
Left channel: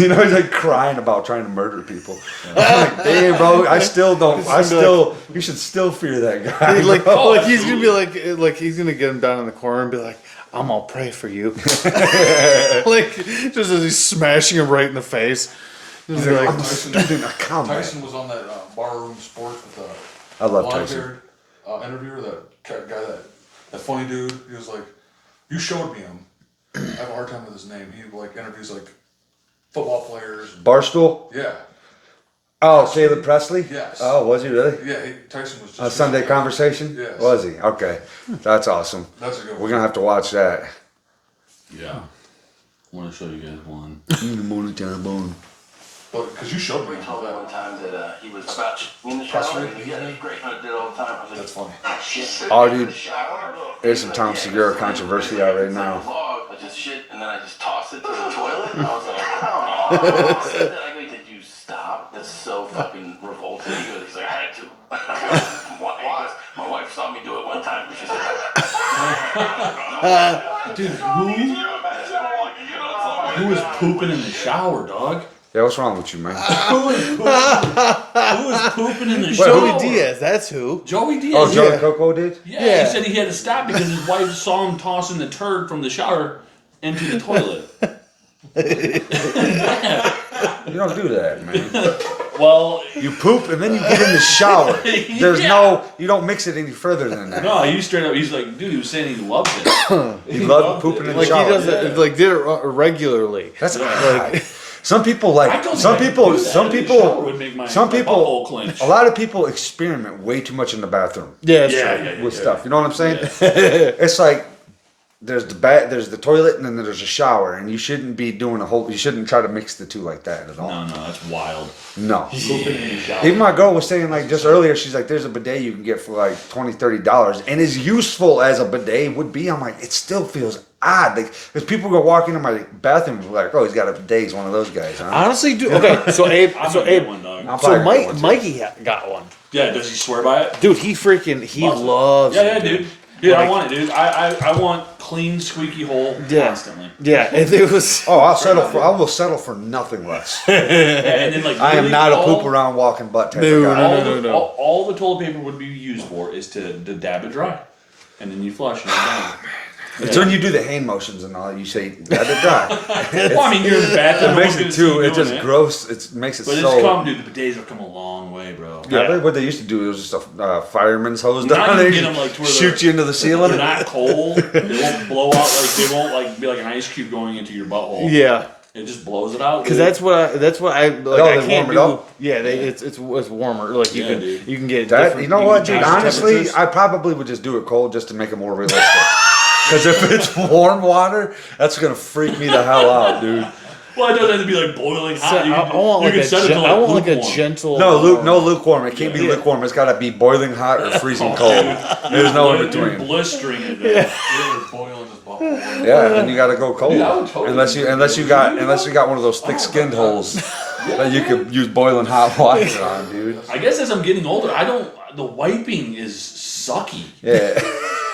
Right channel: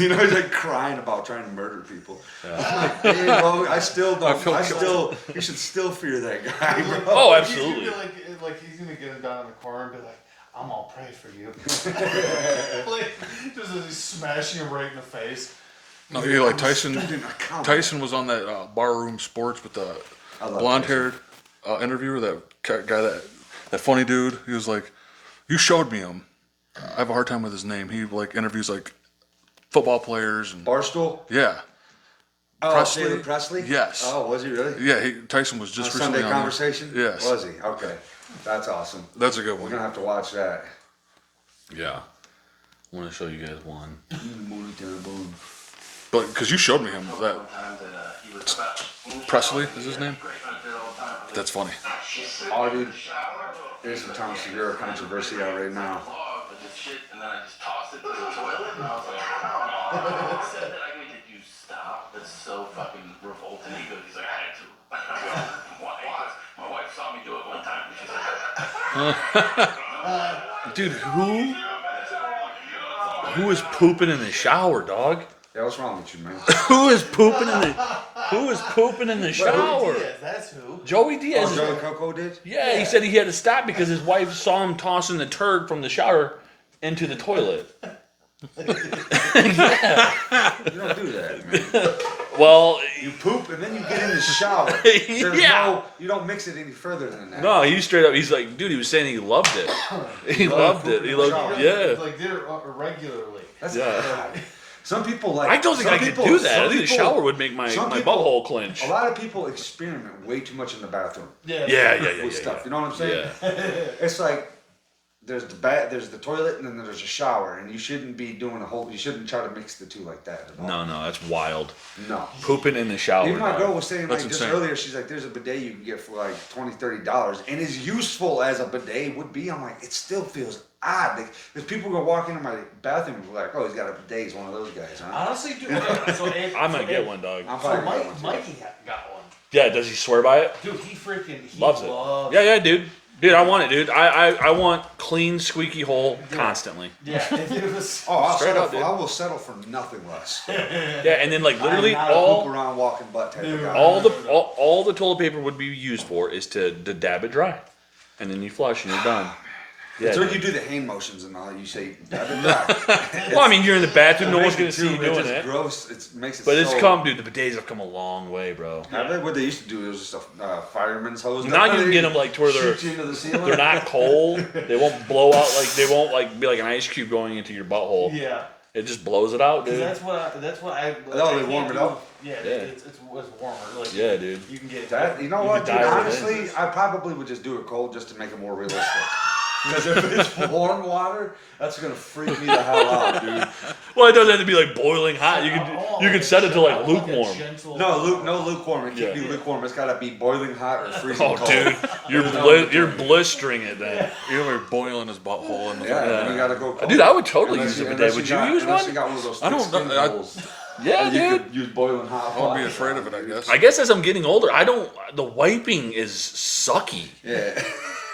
You know, he's like crying about trying to murder people. I'm like, hey, bro, I still don't. You should still fear that guy. Like, Oh, like he's gonna absolutely. be like he's gonna get him down in the corner and be like, I'm all pray for you. Like just as he's smashing him right in the face. Just Yeah, like, like Tyson was on that Barroom Sports with the I love blonde-haired interviewer, that guy, that funny dude. He was like, "You showed me him. I have a hard time with his name. He like interviews like football players. And, Barstool? yeah, Oh, Presley. Taylor Presley? Yes. Oh, was he really? yeah. Tyson was A just Sunday recently on it. Conversation? Yes. Was he? Okay. That's awesome. That's a good We're one. going to have to watch that. Yeah, I want to show you guys one. But because you showed me him, One that, time that he was about in the Presley shower. is his name? Great. I did all the time. I was like, that's funny. shit. Oh, dude. There's some Tom Segura controversy out right now. I just shit and then I just toss it to the toilet. And I was like, oh. Then I go, did you stop? That's so fucking revolting. He's like, I had to. Why? My wife saw me do it one time. She said, Dude, who is pooping in the shower, dog? Yeah, what's wrong with you, man? Who is pooping in the shower? Joey Diaz, that's who. Joey Diaz. Oh, Joey Coco did? Yeah, he said he had to stop because his wife saw him tossing the turd from the shower into the toilet. You don't do that, man. Well, You poop and then you get in the shower. There's Yeah. you don't mix it any further than that. no, he straight up. He's like, dude, he was saying he loved it. He loved loved pooping it. in Like the he shower. does Yeah. it, like did it regularly. That's some people like I don't think some I could people do that. some I think people the shower would make my some my people butthole clench. a lot of people experiment way too much in the bathroom Yeah, Yeah, yeah, yeah. with stuff. You know what I'm saying? Yeah. It's like there's the toilet, and then there's a shower, and you shouldn't be doing you shouldn't try to mix the two like that at all. No, that's wild. No. Pooping in the shower. Even my girl was saying, like, just insane. earlier, she's like, there's a bidet you can get for like $20, $30. And as useful as a bidet would be, I'm like, it still feels odd. Like, because people go walk into my bathroom and be like, oh, he's got a bidet. He's one of those guys, huh? Honestly, dude. Okay, so Abe, I'm so gonna get Abe, one, dog. I'm so probably gonna get one, too. Mikey got one. Yeah, does he swear by it? Dude, he loves. Yeah, it, dude. Dude, I want it, dude. I want clean, squeaky hole constantly. Yeah, if it was. Oh, I will settle for nothing less. Yeah, and then like I am literally not a all- poop around walking butt type No, of guy. All the toilet paper would be used for is to dab it dry, and then you flush and you're done. It's when you do the hand motions and all, you say, let it dry. Well, I mean, you're in the bathroom. It no makes one's it gonna see you too, it's doing just it. gross. It makes it But so... it's come, dude. The bidets have come a long way, bro. Yeah, I think what they used to do was just a fireman's hose. Now you They can get them like to where shoot you into the ceiling. They're not cold. They won't blow out like they won't like be like an ice cube going into your butthole. Yeah, It just blows it out. because dude. that's what I like. Oh, I they can't warm it do. up? Yeah, it's warmer. Like you Yeah, can dude. you can get That, different- you know can what, get dude? different Honestly, temperatures. I probably would just do it cold just to make it more realistic. Because if it's warm water, that's gonna freak me the hell out, dude. Well, it doesn't have to be like boiling So, hot. You, I want you like can a set it to like I want like a lukewarm. gentle. No lukewarm. It can't be lukewarm. It's gotta be boiling hot or freezing Oh, cold. dude. There's no in You're between. blistering it. Then. You were boiling his butthole. Yeah, then you gotta go cold. Dude, I would totally unless do you that. unless you Would got you use unless you got one of those thick don't skin know that. holes that you could use boiling hot water on, dude. I guess as I'm getting older, the wiping is sucky. Yeah,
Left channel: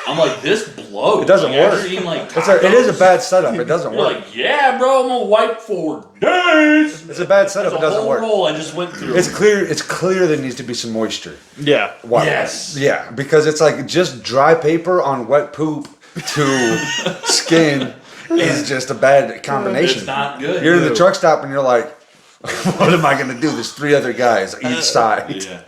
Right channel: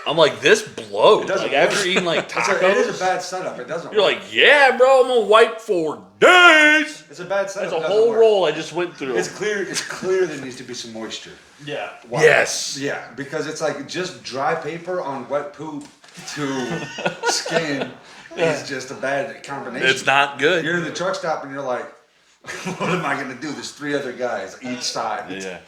I'm like, this blows. It doesn't like, work. After eating like it tacos, is a bad setup. It doesn't You're work. like, yeah, bro, I'm gonna wipe for days. It's a bad setup. That's It a doesn't whole work. roll I just went through. It's clear. It's clear there needs to be some moisture. Yeah. Why? Yes. Yeah, because it's like just dry paper on wet poop to skin is just a bad combination. It's not good. You're in the truck stop and you're like, what am I going to do? There's 3 other guys each side. Yeah.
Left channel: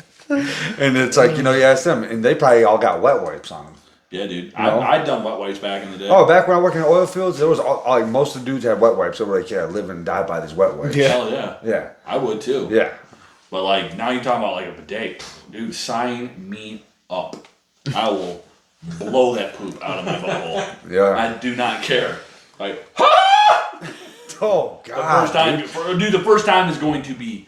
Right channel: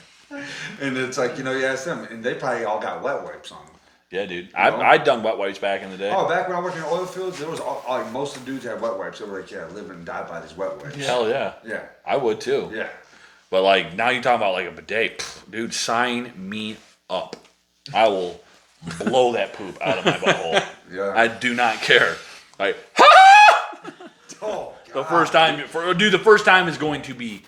And it's like, you ask them, and they probably all got wet wipes on them. Yeah, dude. I'd done wet wipes back in the day. Oh, back when I worked in oil fields, there was like most of the dudes had wet wipes. They were like, yeah, live and die by these wet wipes. Yeah. Hell yeah. Yeah. I would too. Yeah. But like now you're talking about like a bidet, dude. Sign me up. I will blow that poop out of my butthole. Yeah. I do not care. Like Oh, God. the first time, dude. The first time is going to be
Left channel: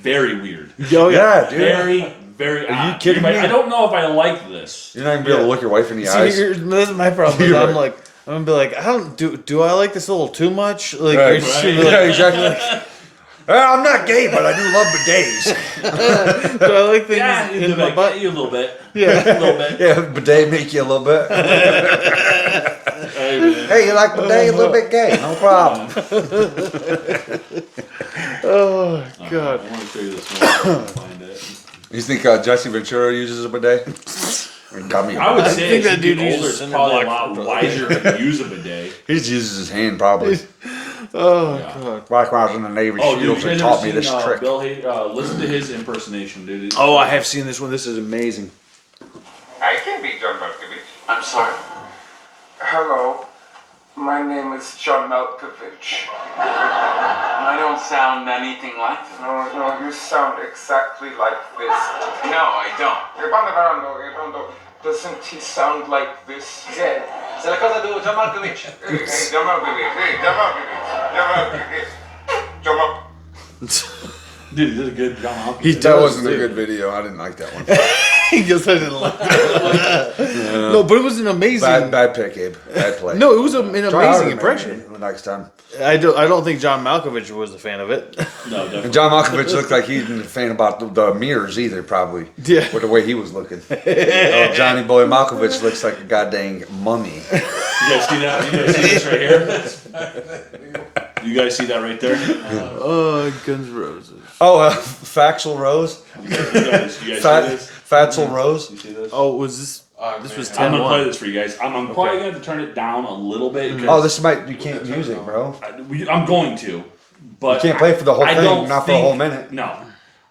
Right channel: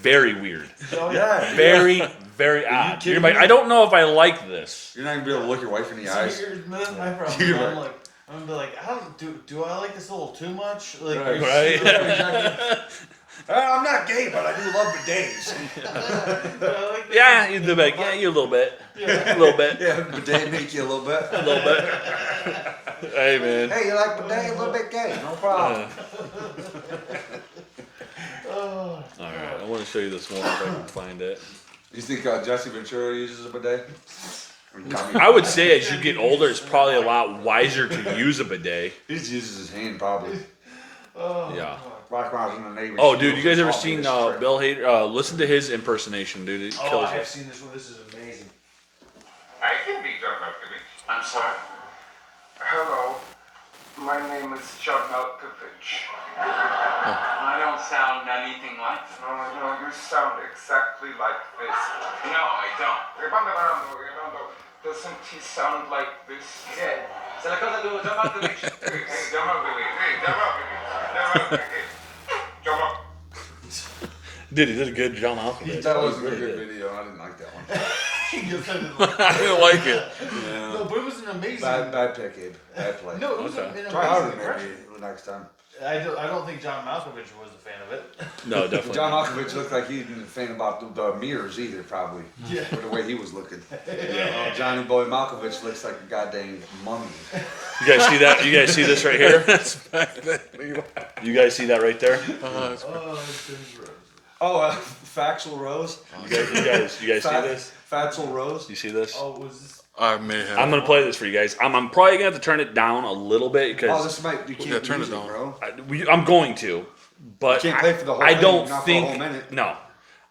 very weird. Oh Yeah, dude. Very, very odd. kidding You're like, me? I don't know if I like this. You're not going to be able to look your wife in the See, eyes. this is my problem. You're I'm right. like, I'm gonna be like, I don't do I like this a little too much? Like, Right, you're just right. gonna be Yeah, like, exactly. I'm not gay, but I do love bidets. do I like things Yeah, in you my like, butt? yeah, you a little bit. Yeah. A little bit. Yeah, bidet make you a little bit. Hey man. Hey, you like bidet? A little bit gay, no problem. Oh God. I want to show you this one. Find it. You think Jesse Ventura uses a bidet? I would say think as that you dude get older, uses it's probably a Cinder lot Block. wiser to use a bidet. He just uses his hand probably. Oh Yeah. God. Like when I was in the Navy Oh, dude, SEALs, you they guys ever taught me seen this trick. Bill Hader? Listen to his impersonation, dude. Oh, I have seen this one. This is amazing. I can be John Malkovich. I'm sorry. Hello, my name is John Malkovich. I don't sound anything like them. No, you sound exactly like this. No, I don't. Doesn't he sound like this? Yeah. Se la cosa do John Malkovich. Hey, John Malkovich. John Malkovich. Dude, he did a good job. He That does. wasn't a good video. I didn't like that one. He just I didn't like it. No, but it was an amazing. Bad pick, Abe. Bad play. No, it was an Try amazing harder, impression. man, the next time. I don't think John Malkovich was a fan of it. No, definitely. And John Malkovich looked like he didn't a fan about the mirrors either, probably. Yeah. With the way he was looking. Oh, Johnny Boy Malkovich looks like a goddamn mummy. You guys see that? You guys see this right here? You guys see that right there? Oh, Guns N' Roses. Oh, Faxel Rose. You guys see this? Fatzel Rose. You see this? Oh, was this? I This may was have. I'm gonna play this for you guys. I'm probably gonna have to turn it down a little bit because Oh, this might you can't turn use it it, on. bro. I'm going to, but You can't play for the whole I thing, don't not for a whole think- minute. No,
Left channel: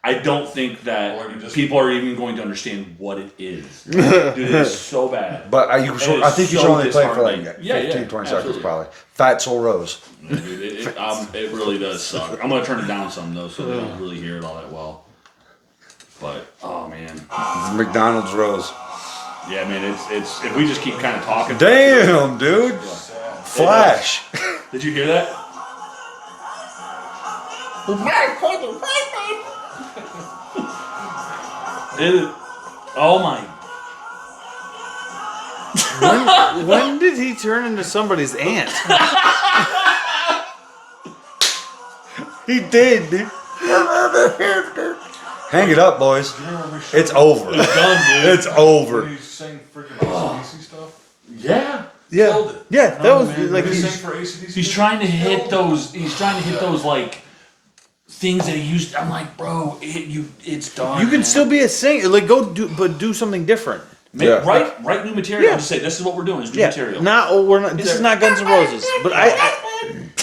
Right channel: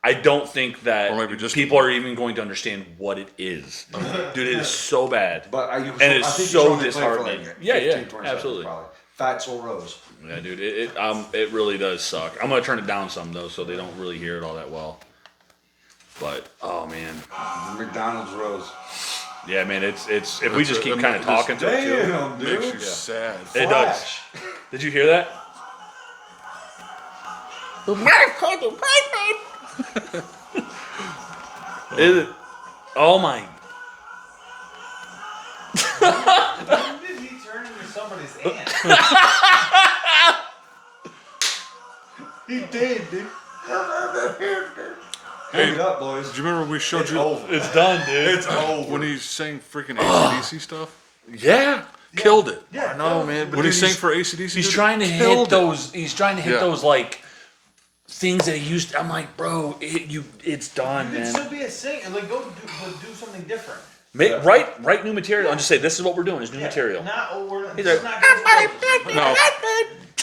I don't think that Or maybe just- people are even going to understand what it is. Dude, it is so bad. But I it's think you should so only play for like disheartening. 15, Yeah, 20 seconds absolutely. probably. Fatzel Rose. Yeah, dude, it really does suck. I'm gonna turn it down some though, so they don't really hear it all that well. But oh man, McDonald's Rose. Yeah, man, it's if we just keep kind of talking. Damn, dude. Sad. Flash. Did you hear that? Oh my! When did he turn into somebody's aunt? He did, dude. Hang it up, boys. Do you remember when we showed It's you over. It's done, dude. It's over. when he sang freaking AC/DC stuff? Yeah. Killed it. Yeah, that was When like he sang for AC/DC, He's trying to killed hit it. those. He's trying to hit Yeah. those like things that he used. I'm like, bro, it's done. you can man. still be a singer. Like do something different. Make, write new material. Yeah. And just say this is what we're doing. Is new Yeah, material. we're not. This is not Guns N' Roses, but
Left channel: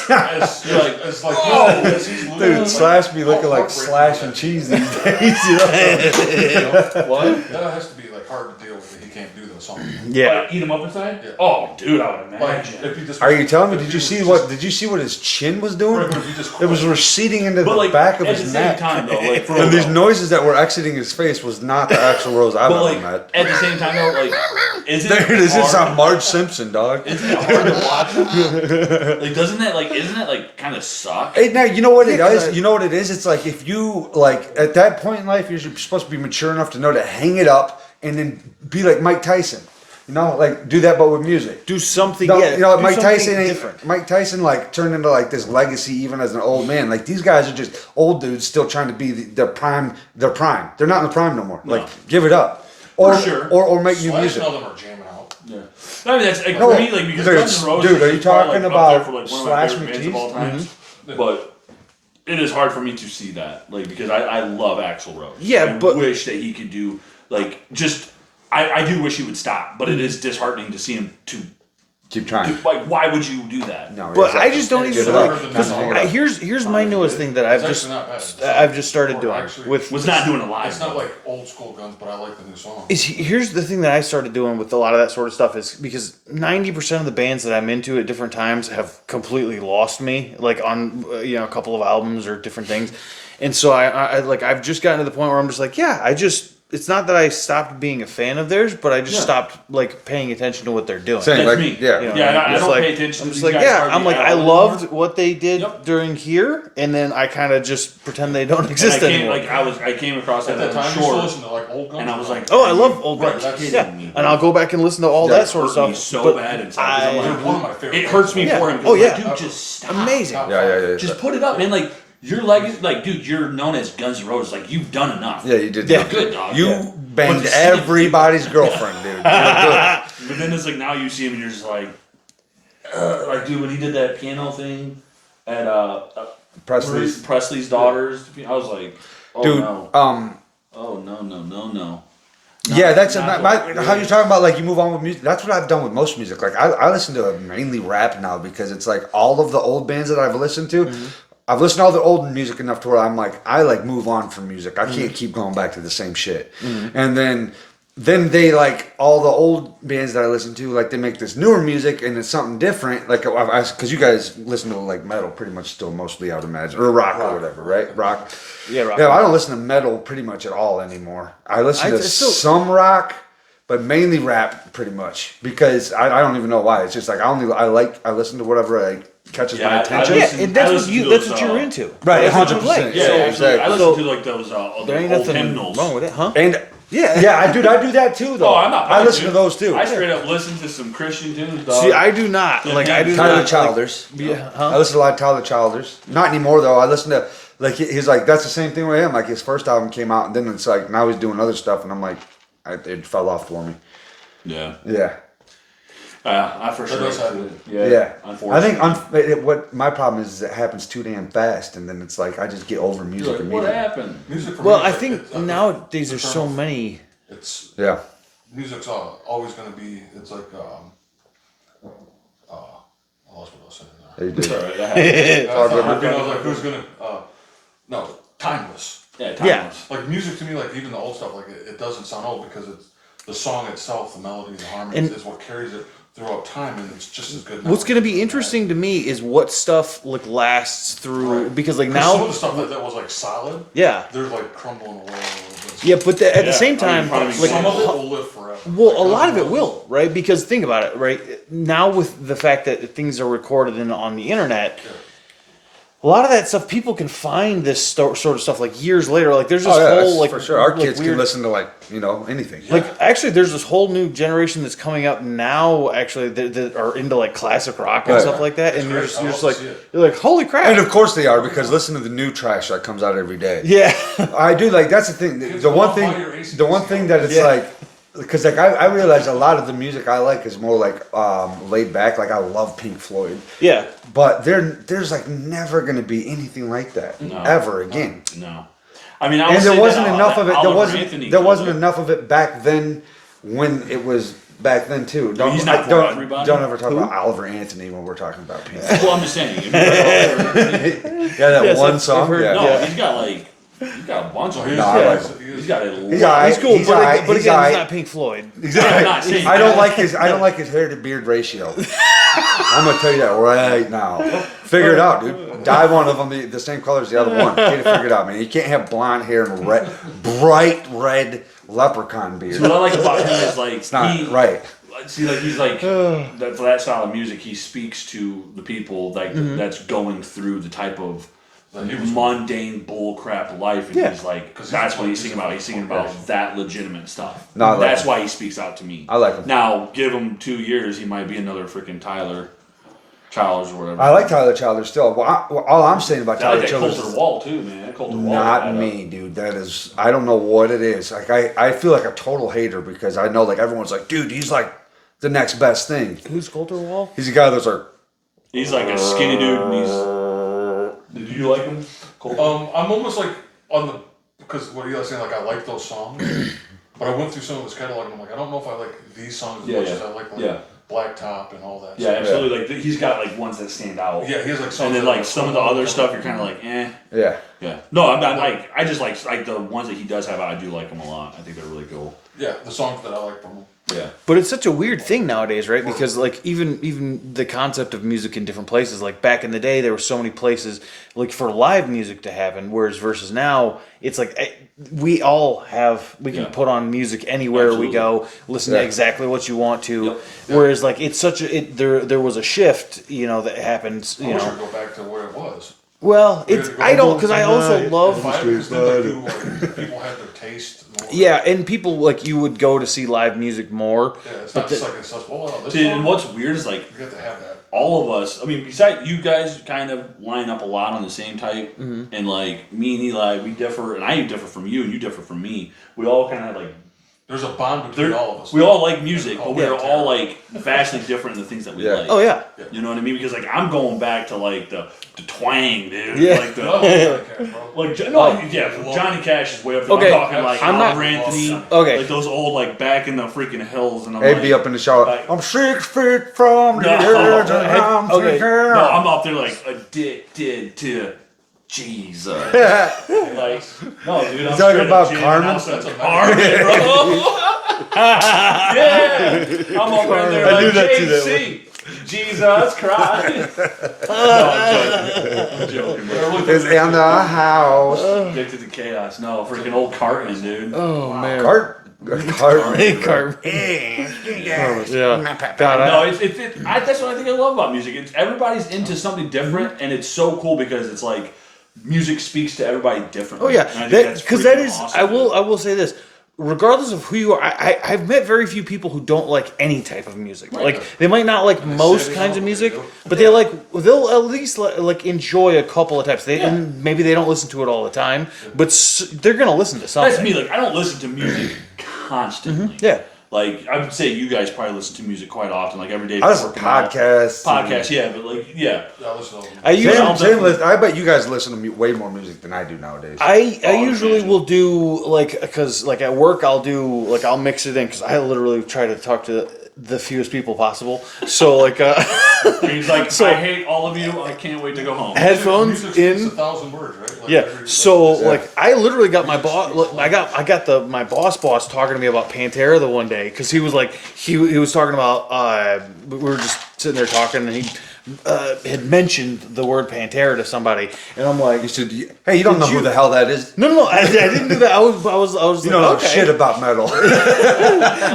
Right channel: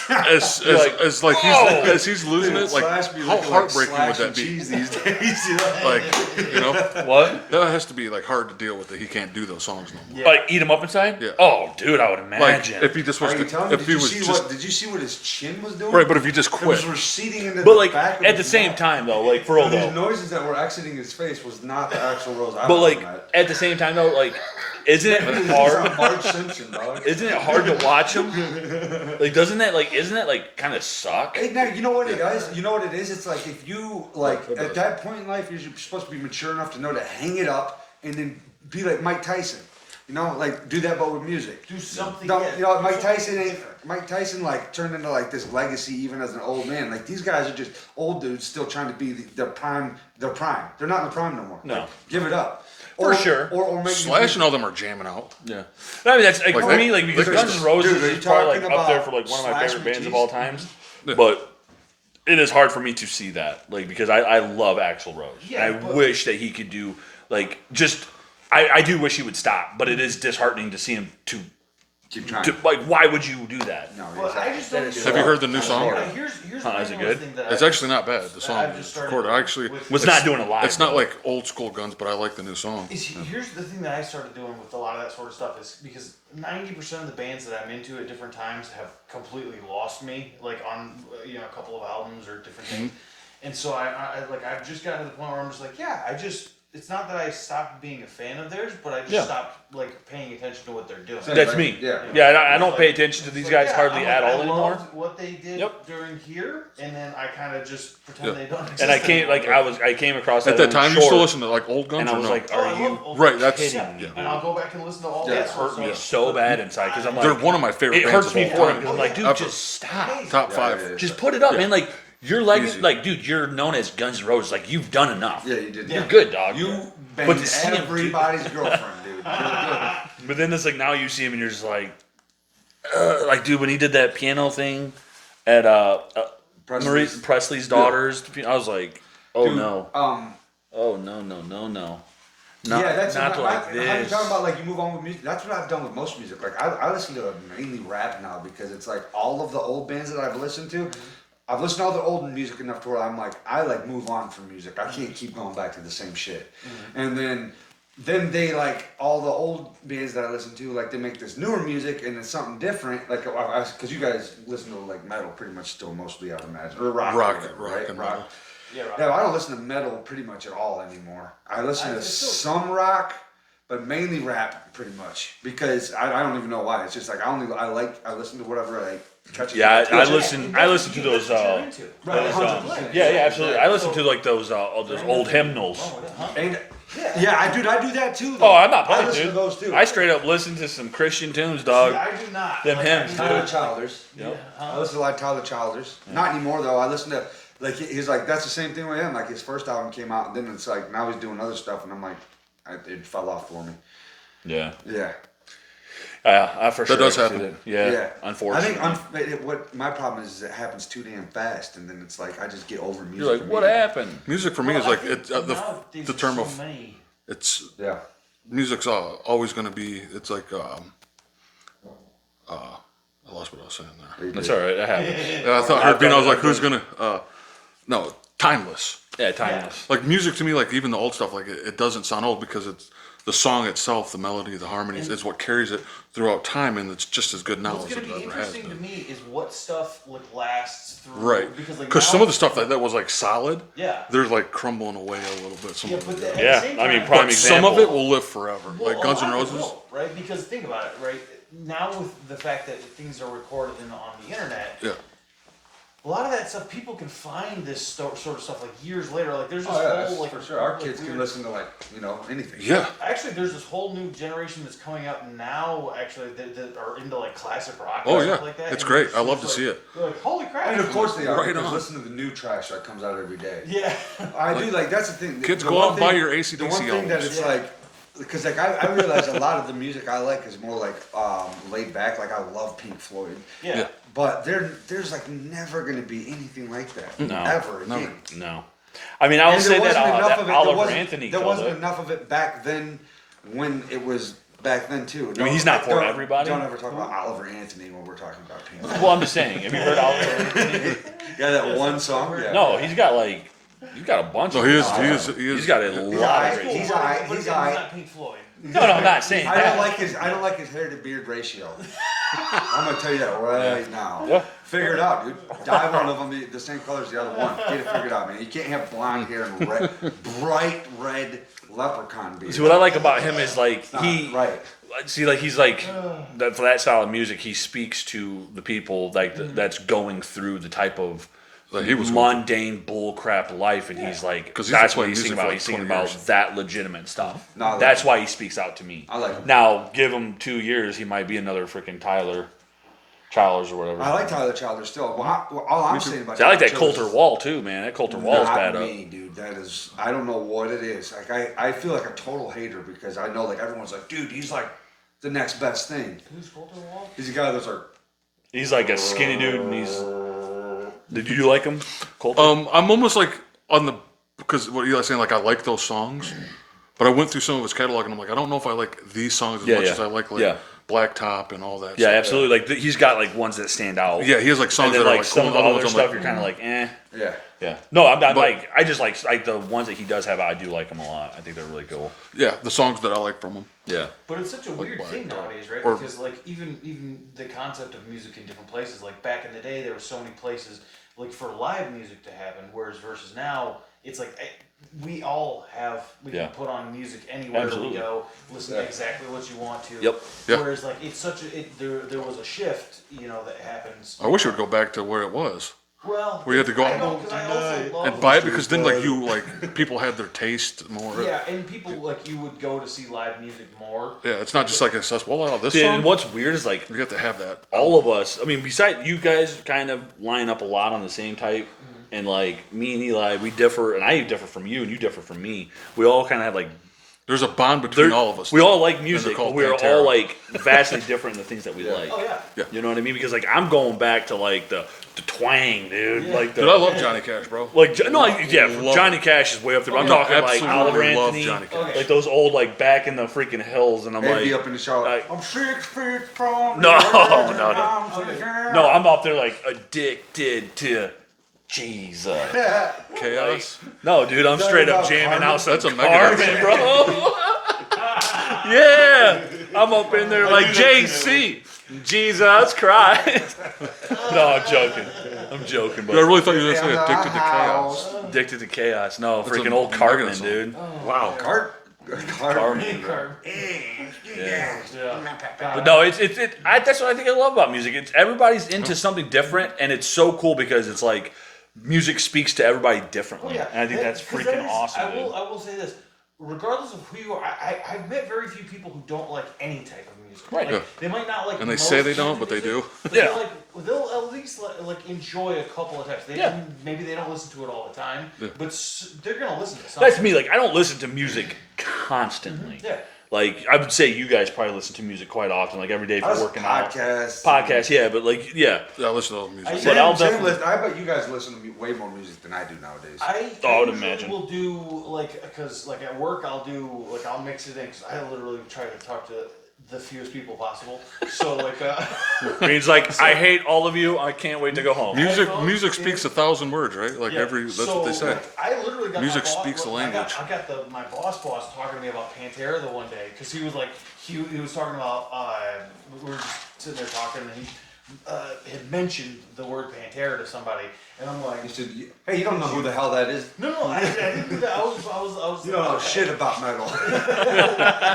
As like Whoa. as he's losing, Dude, it's Slash like, be how looking like heartbreaking Slash would and that be? cheese these days. You know? You know? What? That has to be like hard to deal with that he can't do those songs. yeah. Like eat him up inside? Yeah. Oh, dude, I would Like imagine. if he just Are you telling me? if Did he you was see just- what? Did you see what his chin was doing? Right, but if he just it quit, was receding into but the like back of at his the same neck. time though, like for And these real. noises that were exiting his face was not the actual Rose I But love like that. at the same time though, like isn't it This is hard? not Marge Simpson, dog. Isn't it hard to watch him? Like doesn't that like isn't that like kind of suck? Hey, now you know what it is. You know what it is. It's like if you like at that point in life, you're supposed to be mature enough to know to hang it up and then be like Mike Tyson. You know, like do that, but with music. do something. No, Yeah, you know, do Mike something Tyson ain't different. Mike Tyson like turned into like this legacy even as an old man. Like these guys are just old dudes still trying to be their prime. Their prime. They're not in the prime no more. No. Like give it up. Or, sure. or make new Slash music. and all them are jamming out. Yeah. I mean that's like, Like for that- me like because Dude, Guns N' Roses dude, are you is probably, talking like, up there about for like one of my Slash favorite bands McGee's? of all time. Mhm. But it is hard for me to see that. Like because I love Axl Rose. Yeah, I but- wish that he could do like just I do wish he would stop, but it is disheartening to see him Keep trying. to like why would you do that? No, But exactly. I just don't even. Have you heard the new song? Here's my newest thing that It's I've actually not bad. The song- I've just started or doing actually, with Was not doing it live. It's not like old school Guns, but I like the new song. Here's the thing that I started doing with a lot of that sort of stuff is because 90% of the bands that I'm into at different times have completely lost me, like on a couple of albums or different things, and so I've just gotten to the point where I'm just like, it's not that I stopped being a fan of theirs, but I just stopped like paying attention to what they're doing. Same, That's like, me. Yeah. You know, Yeah, I it's don't like- pay attention I'm to just these like, guys yeah, hardly I'm like, at I all anymore. loved what they did Yep. during here, and then I kind of just pretend they don't And I exist came anymore. I came across At that that time, you short, still listen to like old Guns. and I or was no? like, Oh, I are love you old Right, Guns. that's- Yeah, and I'll go back and listen to all Yeah, that sort of hurt me stuff. so but bad inside. 'Cause I'm They're like, one of my favorite. it bands hurts of me all for time. him. Oh, yeah. Like, dude, just stop. Amazing. Top Yeah, five. yeah, yeah. Just put it up, man. Like you're like, dude, you're known as Guns N' Roses. Like you've done enough. Yeah, you did. Yeah. You're good, dog. You Yeah. banged But to see him- everybody's girlfriend, dude. You're good. But then it's like now you see him and you're just like dude, when he did that piano thing at Marie Presley's. Presley's daughter's, I was like, oh Dude, no, oh no. yeah, that's not my, what how it you're is. talking about. Like you move on with music. That's what I've done with most music. Like I listen to mainly rap now because it's like all of the old bands that I've listened to. I've listened to all the old music enough to where I'm like I like move on from music. I can't keep going back to the same shit. And then they like all the old bands that I listen to. Like they make this newer music and it's something different. Like because you guys listen to like metal pretty much still mostly, I would imagine, or rock or whatever, right? Rock. Yeah, rock. Yeah, I don't listen to metal pretty much at all anymore. I listen to I still- some rock, but mainly rap pretty much because I don't even know why. It's just like I listen to whatever catches Yeah, my I attention. listen- and that's I what listen you to that's those, what you're into. Right, That's what you 100%. play. Yeah, So, absolutely. I listen so- to like those There ain't old nothing hymnals. wrong with it, huh? And Yeah. I do that too. Though Oh, I'm not. I playing, listen dude. to those too. I straight up listen to some Christian tunes, dog. See, I do not. Yeah, Like man. I do Tyler not. Childers. Yeah, I huh? listen to a lot of Tyler Childers. Not anymore though. I listen to like he's like that's the same thing with him. Like his first album came out and then it's like now he's doing other stuff and I'm like it fell off for me. Yeah, Yeah. I for sure. does too. happen. Yeah, I unfortunately. think what my problem is it happens too damn fast, and then it's like I just get over music. You're like, what immediately. happened? Music for me Well, is I like think nowadays the there's term so of- many. It's Yeah, music's always going to be. It's like I lost what I was saying there. It's all right. That happens. I thought Herbie, I was like, who's gonna? No, timeless. Yeah, timeless. Like music to me, like even the old stuff, like it doesn't sound old because it's the song itself, the melody, the harmonies, is what carries it throughout time, and it's just as good now. What's going to be interesting to me is what stuff like lasts through, Right. because like Because now, some of the stuff that was like solid, yeah, they're like crumbling away a little bit. yeah, but at the Yeah, same I mean, time, prime like, Some of it example. will live forever. well, Like a Guns lot N' of it Roses. will, right? Because think about it, right? Now with the fact that things are recorded on the internet, Yeah. a lot of that stuff people can find this sort of stuff like years later. Like there's this Oh, yeah, whole that's like for sure. Our like, kids weird, can listen to like anything. Yeah. Like actually, there's this whole new generation that's coming up now. Actually, that are into like classic rock and Oh, stuff yeah. like that. It's and great. You're just, I you're love just to like, see it. You're like, holy crap! And of course they are, Right because on. listen to the new trash that comes out every day. yeah, I do, like, that's the thing. Kids, the go one out and thing, buy your AC/DC the one thing that it's Yeah. like, because like I realize a lot of the music I like is more like laid back. Like I love Pink Floyd, yeah. but there's like never gonna be anything like that ever again. No. I mean, I would And say there wasn't that, enough of it. Oliver There Anthony could, wasn't but- enough of it back then when it was back then too. Don't, he's not for don't, everybody. Don't ever talk about Oliver Anthony when we're talking about Pink. Well, I'm just saying. If you read Oliver Anthony- Yeah, that Yes, one I've song. heard- Yeah. no, he's got a bunch So of he is, them. he is, He's got a He's lot. alright. He's cool, He's but, alright. but He's again, alright. he's not Pink Floyd. I'm not saying I don't like his hair to beard ratio. I'm gonna tell you that right now. Figure it out, dude. Dye one of them the same color as the other one. Get it figured out, man. You can't have blonde hair and bright red leprechaun beard. So what I like about him is like It's not he right. see like he's like that for that style of music he speaks to the people like that's going through the type of like, he was mundane bullcrap life and Yeah. he's like 'Cause he's that's been what he's playing singing about. music He's for singing 20 about years. that legitimate stuff. No, I like that's him. why he speaks out to me. I like him. Now give him 2 years, he might be another freaking Tyler Childers or whatever. I like Tyler Childers still. All I'm saying about I Tyler like that Childers Coulter is Wall too, man. That Coulter Wall is not bad me, dude. That is, I don't know what it is. Like I feel like a total hater because I know like everyone's like, dude, he's like the next best thing. Who's Coulter Wall? He's a guy that's like, He's like a skinny dude and he's. Did you like him, Coulter? I'm almost like on the, because what Eli's saying, like I like those songs, but I went through some of his catalog and I'm like, I don't know if I like these songs as Yeah, much yeah. as I like Yeah. Blacktop and all that. Yeah, stuff. absolutely. Like he's got like ones that stand out. Yeah, he has like songs and then that are like some of cool, the other ones I'm stuff like, you're kind of like, eh. yeah. Yeah. No, I'm not like. I just like the ones that he does have. I do like them a lot. I think they're really cool. yeah, the songs that I like from him. Yeah. But it's such a weird thing nowadays, right? Because like even the concept of music in different places, like back in the day, there were so many places like for live music to happen. Whereas versus now, it's like we can Yeah. put on music anywhere Absolutely. we go, listen Yeah. to exactly what you want to. Yep. Yep. Whereas like it's such a there was a shift, that happened. I wish it would go back to where it was. Well, We have to go I don't because I also And love vibe, because then like people had their taste more. yeah, and people like you would go to see live music more. Yeah, it's not just like it says, well, this Yeah, song, and what's weird is like you have to have that. all of us. I mean, besides you guys, kind of line up a lot on the same type, and like me and Eli, we differ, and I differ from you, and you differ from me. We all kind of have like. There's a bond between all of us. We all like music, They're but called we're Pantera. all like vastly different in the things that we Yeah. like. Oh yeah. You know what I mean? Because like I'm going back to like the twang, dude. Yeah. Like the, Dude, I love Johnny Cash, bro. Like Love Johnny Cash is way up there. Okay, I'm talking like absolutely Oliver love Anthony, Johnny Cash. Okay. like those old like back in the freaking hills, and I'm They'd like, be up in the shower. like- I'm 6 feet from No. the edge and I'm Okay. thinking no, I'm up there like addicted to Jesus. Chaos. No, dude, I'm talking straight up about jamming Carmen? out some That's a Carmen, bro. Yeah, I'm up in there like JC. Jesus Christ. No, I'm joking, I bro. really thought It's you were in just the gonna house. Addicted to chaos. No, freaking a old mega Cartman, song. dude. Oh man. Cart. Yeah. God, No, that's what I think I love about music. It's everybody's into something different, and it's so cool because it's like music speaks to everybody differently. Oh yeah, and I think that's because that freaking is. awesome, I will. dude. I will say this. Regardless of who you are, I've met very few people who don't like any type of music. Right. Like they might not like And they say most they kinds don't, of but they music, do. but they like they'll at least like enjoy a couple of types. And maybe they don't listen to it all the time, but they're gonna listen to something. That's me. Like I don't listen to music constantly. Yeah. Like I would say, you guys probably listen to music quite often, like every day. I listen working to out. podcasts. Podcasts, yeah, but like, yeah. Yeah, I listen to all the music. I usually I bet you guys listen to way more music than I do nowadays. I Oh, I'd usually imagine. will do like because like at work I'll mix it in because I literally try to talk to the fewest people possible. So like, He's like, I hate all of you. I can't wait to go home. headphones Music speaks in. 1,000 words, right? Like Yeah. that's So what they say. like, I literally got my Music boss. speaks the I got my boss talking to me about Pantera the one day because he was like he was talking about we were just sitting there talking and he had mentioned the word Pantera to somebody and I'm like, You should. Hey, you don't know who the hell that is. no, I didn't do that. I was You like, don't know okay. shit about metal.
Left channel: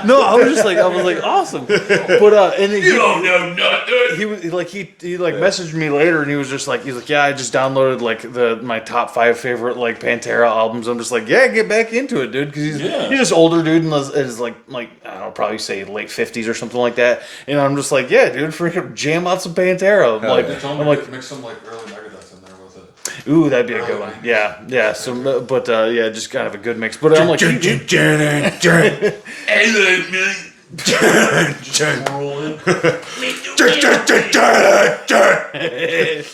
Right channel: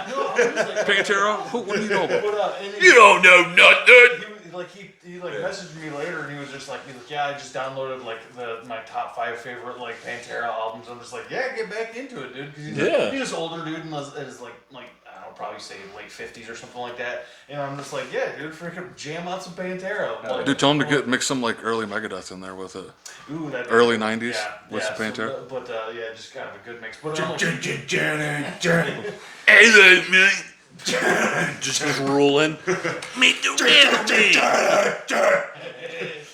No, I was just like, awesome. But and You don't know nothing. he was like he messaged me later and he was just like he's like, yeah, I just downloaded like my top 5 favorite like Pantera albums. I'm just like, yeah, get back into it, dude, because he's just older dude and is like I don't know, probably say late 50s or something like that. And I'm just like, yeah, dude, freaking jam out some Pantera. I'm like, Dude, tell him I'm to like, mix some like early Megadeth in there with it. ooh, that'd be early a good one. 90s Yeah. with So, Pantera. but yeah, just kind of a good mix. But I'm like, Hey, look, man. Just rolling.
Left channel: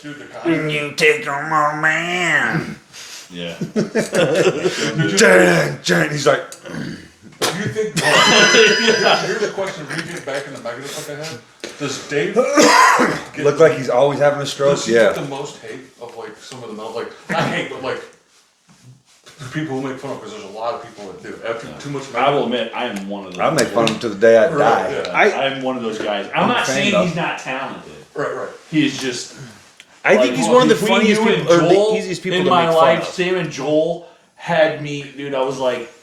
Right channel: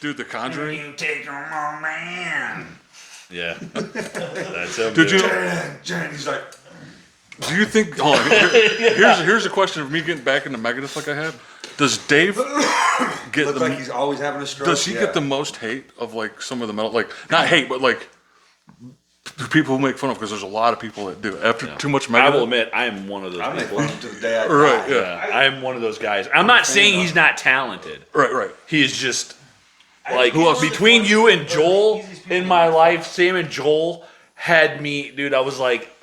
Dude, the Conjuring. You take them on, man. Yeah. He's like, Do you think? Here's a question of me getting back into Megadeth like I had. Does Dave get look like he's always having a stroke. Does he get the most hate of like some of the metal, like not hate, but like people who make fun of? Because there's a lot of people that do. After too much I will Megadeth, admit, I am one of those. I make fun of him to the day I die. Right, yeah. I am one of those guys. I'm not a fan saying of he's not talented. right. He is just. I Like, think he's one of the between funniest you and people, or the Joel easiest people in to my make fun life, of. Sam and Joel had me, dude. I was like,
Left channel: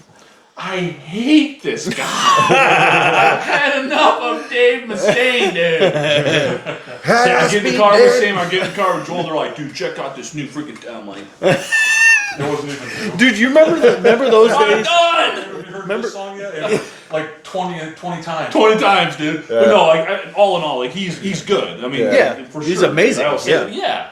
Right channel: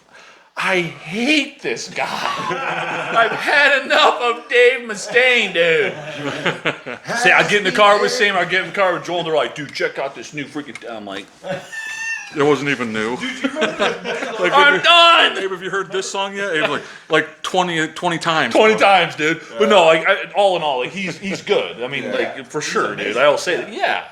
I hate this guy. I've had enough of Dave Mustaine, dude. I get in the car with Sam. I get in the car with Joel. They're like, dude, check out this new freaking town. I'm like, It wasn't even new. Dude, you remember those I'm days? done. Dave, have you heard this song yet? It was like 20 times. 20 times, dude. But no, like all in all, like he's good. I mean, Yeah. for He's sure. amazing. Dude. I will say, Yeah. yeah,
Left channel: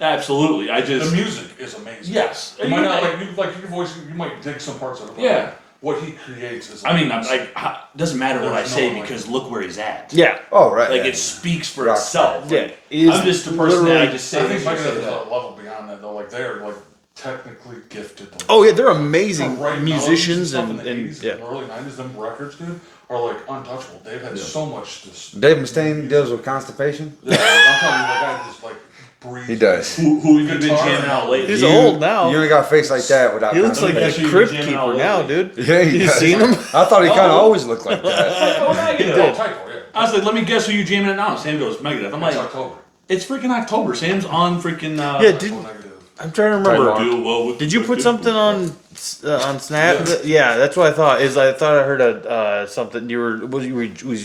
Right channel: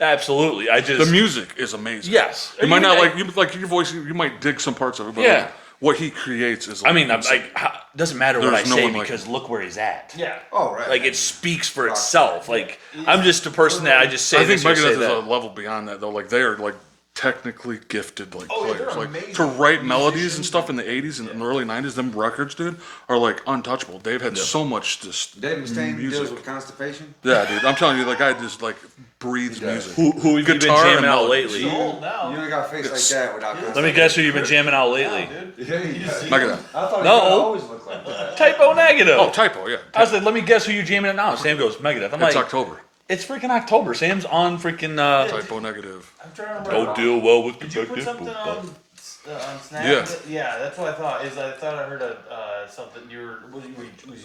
absolutely. I just The music is amazing. yes. You might not I- like your voice. You might dig some parts of it. But Yeah. like, what he creates is. I mean, I'm like, doesn't matter what I There's no say one like because him. look where he's at. Yeah. Oh, right. Like yeah. it speaks for Rock. itself. Yeah. Like He is I'm just a person that I literally- just say I think this or say Megadeth is that. a level beyond that though. Like they are like technically gifted. Like, Oh yeah, they're to amazing write melodies musicians and stuff in the and- 80s and early 90s. Them records, dude, are like untouchable. Dave had so much just. Dave Mustaine deals with constipation. Yeah, dude, I'm telling you, that guy just like breathes. He does. music. Who have you been Guitar jamming and out lately? He's old now. You only got a face like that without He looks Let me like guess a who you've crypt been jamming out keeper now, lately. dude. Yeah, he does. seen him? I thought he kind of Uh-oh. always looked like that. Typo negative. Oh, typo, yeah. I was like, let me guess who you jamming at now. Sam goes Megadeth. I'm It's like, October. it's freaking October. Sam's on freaking. Yeah, Typo negative. I'm trying to remember. Did you put something on Snap? Yes. Yeah, that's what I thought. I thought I heard something. Was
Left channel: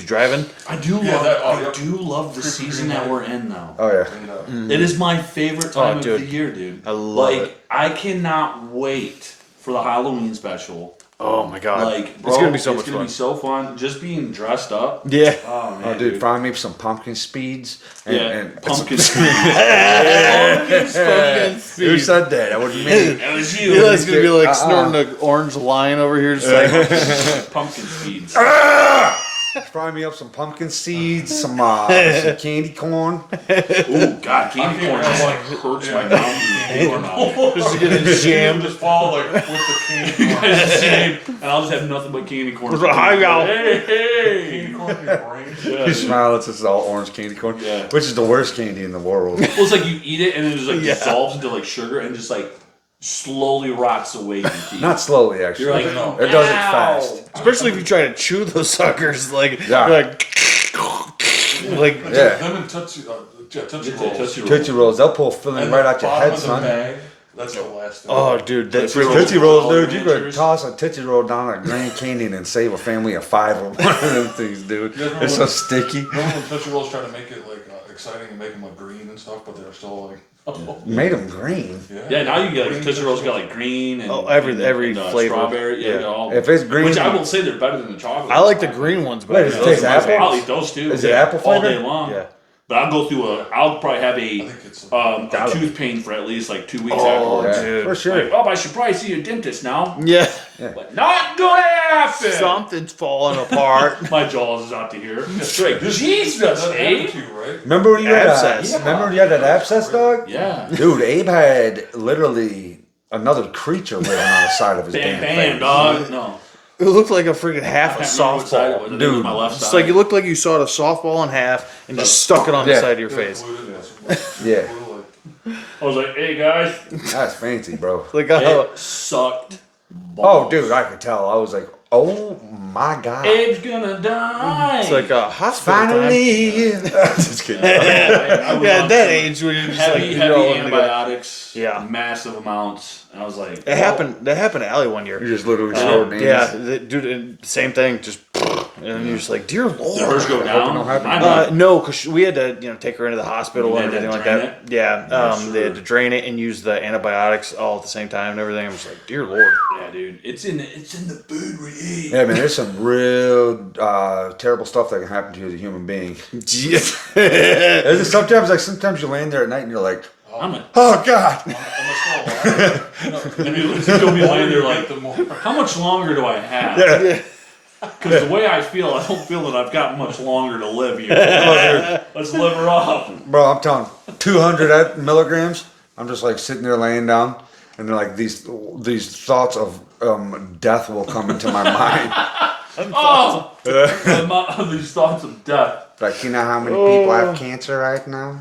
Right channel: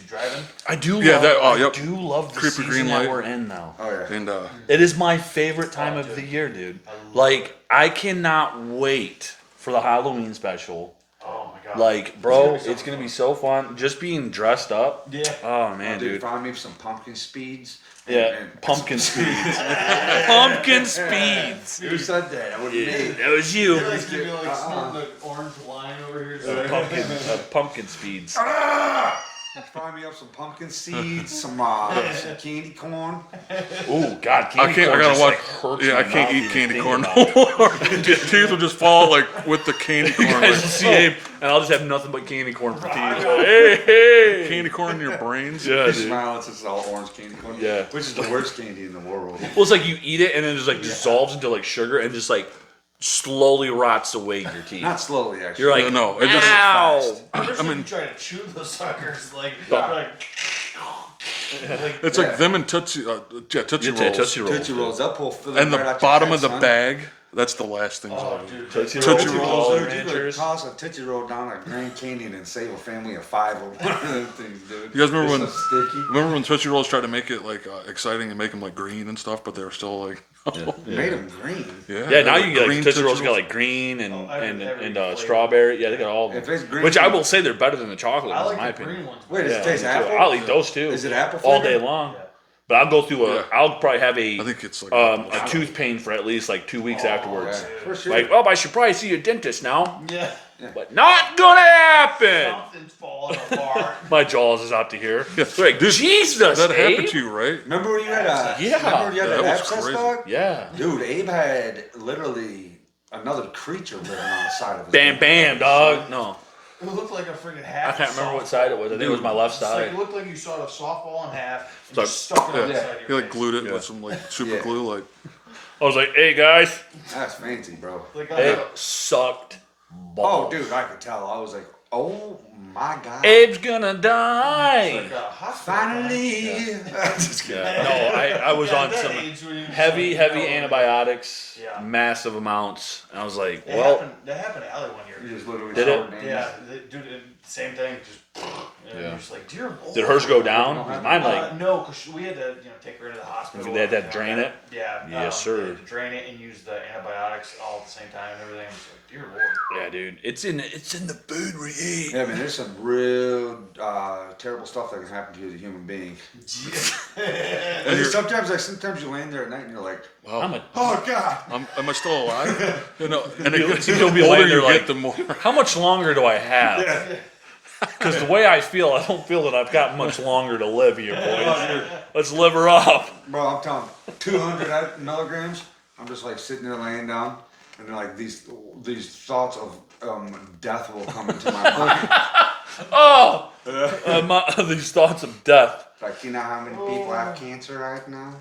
you driving? I do Yeah, love. that- oh, I yep. do love the Creepy season green that light. we're in now. Oh yeah. And It is my favorite time of dude. the year, dude. I love like, it. I cannot wait for the Halloween special. Oh my god! Like, bro, it's gonna be so much it's gonna fun. be so fun. Just being dressed up. Yeah. Oh man, Oh, dude, find me some pumpkin speeds. And, Yeah, and pumpkin speed. Pumpkin speed. Who said that? That wasn't me. That was you. Eli's gonna be like snorting an orange line over here, just like Pumpkin speeds. Fry me up some pumpkin seeds, some candy corn. Oh God, candy I corn gotta just, watch. like, hurts Yeah, my I can't mouth. eat candy corn. His teeth will just fall like with the candy corn. Same, and I'll just have nothing but candy corn. I got- Hey, Candy corn in your brains. Yeah, You dude. smile, it's just all orange candy corn. Yeah. Which is the worst candy in the world. Well, it's like you eat it and then it just like dissolves into like sugar and just like slowly rots away in your teeth. Not slowly, actually. You're like, No, it does it "Ow." fast. especially if you try to chew those suckers, like Yeah. you're like It's Yeah. like them and Tootsie, Tootsie It's a Rolls. Tootsie Roll. Tootsie Rolls, they'll pull filling And right the out your bottom head, of the son. bag, that's the last thing. oh dude, that's Tootsie Rolls, dude, you could Ranchers. toss a Tootsie Roll down a Grand Canyon and save a family of 5 of one of them things, dude. You guys remember They're so when- sticky. Remember when Tootsie Rolls tried to make it like exciting and make them like green and stuff, but they were still like, Made them green. Yeah, now you get like Green Tootsie Rolls Tootsie got like green and every and, flavor. strawberry. Yeah, Yeah. you got all. If it's green, Which I will say they're better than the chocolate. I like the in my green ones, Wait, but does it those taste are my apple? favorites. I'll eat those too. Is it apple all flavor? day long? Yeah. But I'll go through I'll probably have I think it's like a tooth pain for at least like 2 weeks afterwards. Yeah, dude. for sure. Like, oh, I should probably see a dentist now. Yeah, But not gonna happen. something's falling apart. My jaws is out to here. It's like, Dude, Jesus, that happened Abe. to you, right? Remember when you had Abscess. that? Remember when you had that That was abscess, crazy. dog? Yeah. Dude, Abe had literally another creature living on the side of his Bam, damn bam, face. dog. No. It looked like a freaking half a I can't remember what side it was. softball. I think it was my left It's side. like it looked like you sawed a softball in half and just stuck it on the Yeah. side of your You like face. glued it with some like super Yeah. glue, like I was like, hey guys, That's fancy, bro. Like it sucked. Oh, balls. dude, I could tell. I was like, oh my god. Abe's gonna die. it's like a hospital time. Finally. Just kidding. I was Yeah, on at that some age when you're just heavy, like, you heavy know, like, antibiotics. Yeah. Massive amounts. And I was like, That happened. That happened to Allie one year. You're just literally short names. Yeah, dude, same thing. Just and you're just like, dear Lord. did hers go down? don't happen. Mine went. No, because we had to, take her into the hospital They and had to everything like drain that. Yeah, Yes, they had sir. to drain it and use the antibiotics all at the same time and everything. I'm just like, dear Lord. Yeah, dude. It's in the food we eat. Yeah, man, there's some real terrible stuff that can happen to you as a human being. Sometimes you land there at night and you're like, I'm a, oh god. am I still alive? And You'll the be older laying there you like- get, the more. how much longer do I have? Because the way I don't feel that I've got much longer to live. You. Let's live her up. Bro, I'm telling you, 200 milligrams. I'm just like sitting there laying down, and they're like these thoughts of death will come into my mind. Oh, these thoughts of death. Like, you know how many people have cancer right now?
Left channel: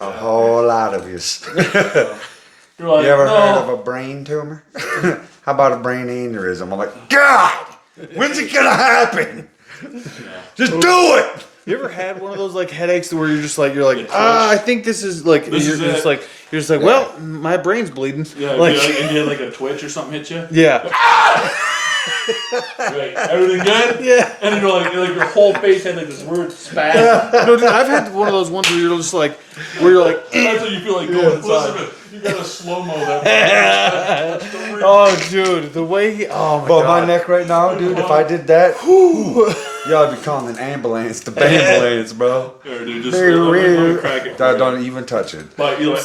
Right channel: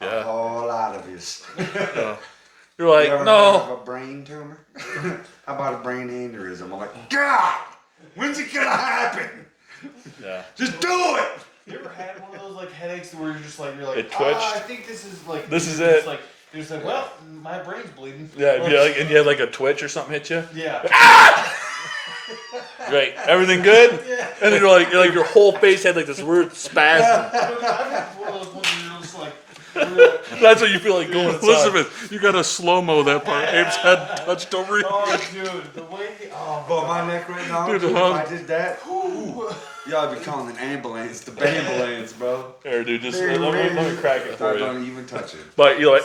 A whole lot of you. You're like, You ever no. heard of a brain tumor? How about a brain aneurysm? I'm like, God, when's it gonna happen? Yeah. Just do it. You ever had one of those like headaches where you're It twitch. I think this is like This you're is just it. like you're just like, well, my brain's bleeding. Yeah, like, and you had like a twitch or something hit you. yeah, Right. Everything good? yeah. And then you're like your whole face had like this weird spasm. No, dude, I've had one of those ones where you're just like, where you're like, That's what you feel like going inside. Elizabeth, you got to slow mo that part. Let's don't read. oh, dude, the way he, oh my But god. my neck right now, dude, if I did that, y'all be calling an ambulance. The ambulance, bro. Here, dude, just let me crack it. For you. Don't even touch it. But you're like,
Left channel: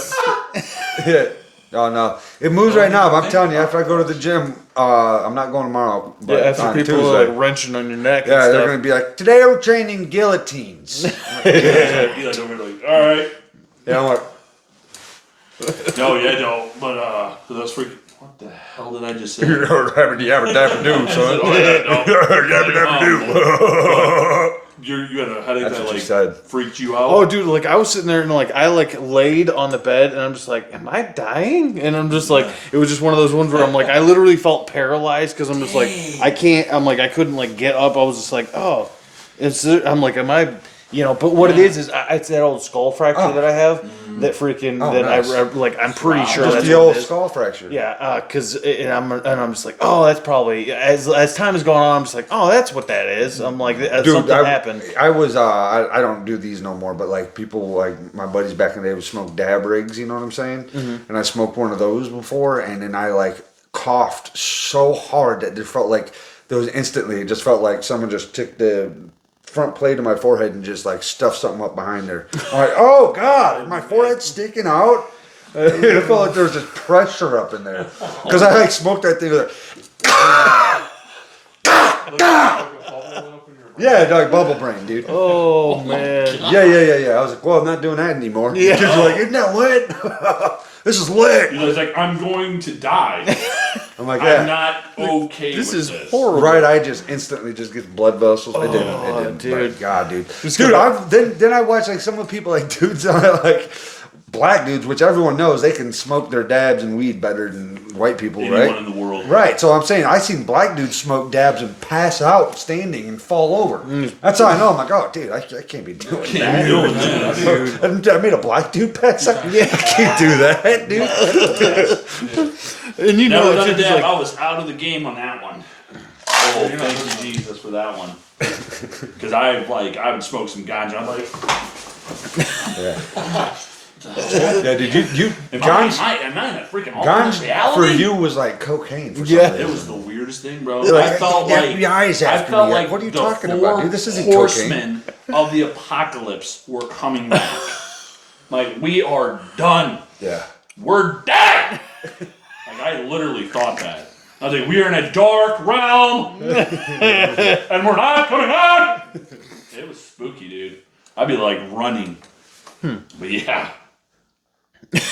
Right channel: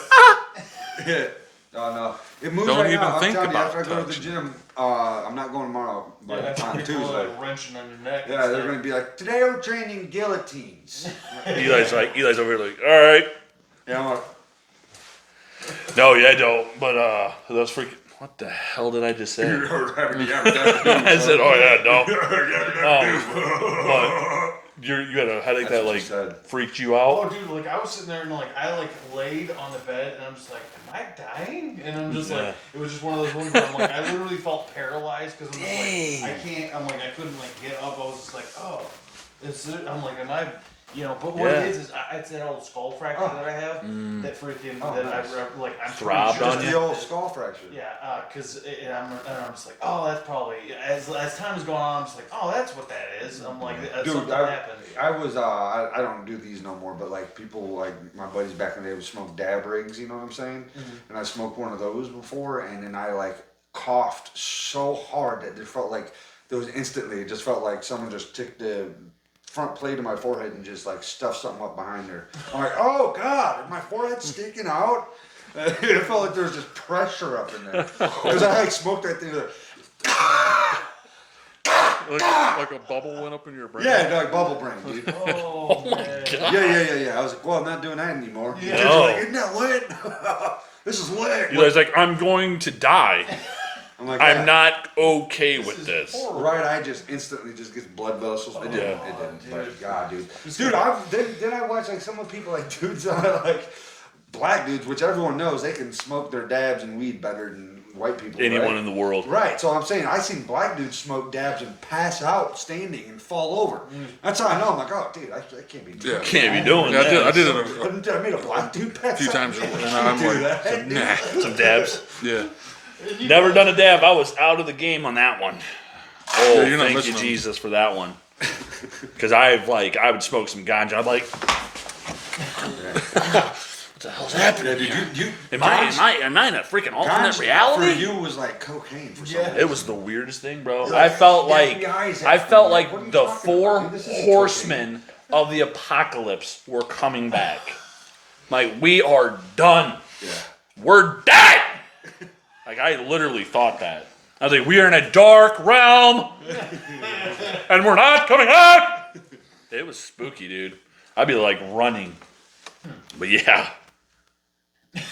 Yeah. Oh no, it moves Don't right now. even But I'm think telling you, about after I go to the gym, I'm not going tomorrow. Yeah, But after on people Tuesday. are like wrenching on your neck. Yeah, and they're stuff. gonna be like, today we're training guillotines. Eli's over here like, all right. You know what? No, yeah, don't. But that's freaking. What the hell did I just say? I said, oh yeah, no. You had a headache That's that what like you said. freaked you out. Oh, dude, like I was sitting there and like I like laid on the bed and I'm just like, am I dying? And I'm just like, it was just one of those ones where I'm like, I literally felt paralyzed because I'm just like, I can't. I'm like, I couldn't like get up. I was just like, oh, I'm like, am I? But what it is it's that old skull fracture that I have. That freaking Oh, that nice. I like. I'm pretty sure Just that's the what old it is. skull fracture. Yeah, because I'm just like, oh, that's probably as time is going on. I'm just like, oh, that's what that is. I'm like, something happened. I was I don't do these no more, but like people like my buddies back in the day would smoke dab rigs, you know what I'm saying? Mm-hmm. And I smoked one of those before, and then I like coughed so hard that it felt like there was instantly. It just felt like someone just took the front plate of my forehead and just like stuffed something up behind there. I'm like, oh god, my forehead's sticking out. It felt like there was just pressure up in there because I like smoked that thing. Like, Like a bubble went up in your brain. yeah, like bubble brain, dude. Oh man. Yeah. I was like, well, I'm not doing that anymore. Yeah. Kids are like, isn't that lit? This is lit. Eli's like, I'm going to die. I'm like, yeah. I'm not okay This with is this. horrible. Right, I just instantly just get blood vessels. It didn't. dude. But God, dude. Just Dude, go- then I watch like some of the people like dudes like black dudes, which everyone knows they can smoke their dabs and weed better than white people, Anyone right? in the world. Right, so I'm saying I seen black dudes smoke dabs and pass out standing and fall over. That's how I know. I'm like, oh, dude, I can't be doing Can't be doing I that. did I made a black dude pass Few out. times. Yeah, I can't do that, dude. Yeah. And you Never know, done a it's dab. like- I was out of the game on that one. Oh, you're not thank you, missing one. Jesus, for that one. Because I would smoke some ganja. I'd like, Yeah, dude, you am John's- I in a freaking alternate Ganja reality? for you was like cocaine. For Yeah. some It reason. was the weirdest thing, bro. Like, I felt the like FBI is I after felt me. like What are you the talking four about, dude? This isn't horsemen of the apocalypse were coming back. Like, we are done. Yeah. We're dead. Like, I literally thought that. I was like, we are in a dark realm, and we're not coming out. It was spooky, dude. I'd be like running. But yeah,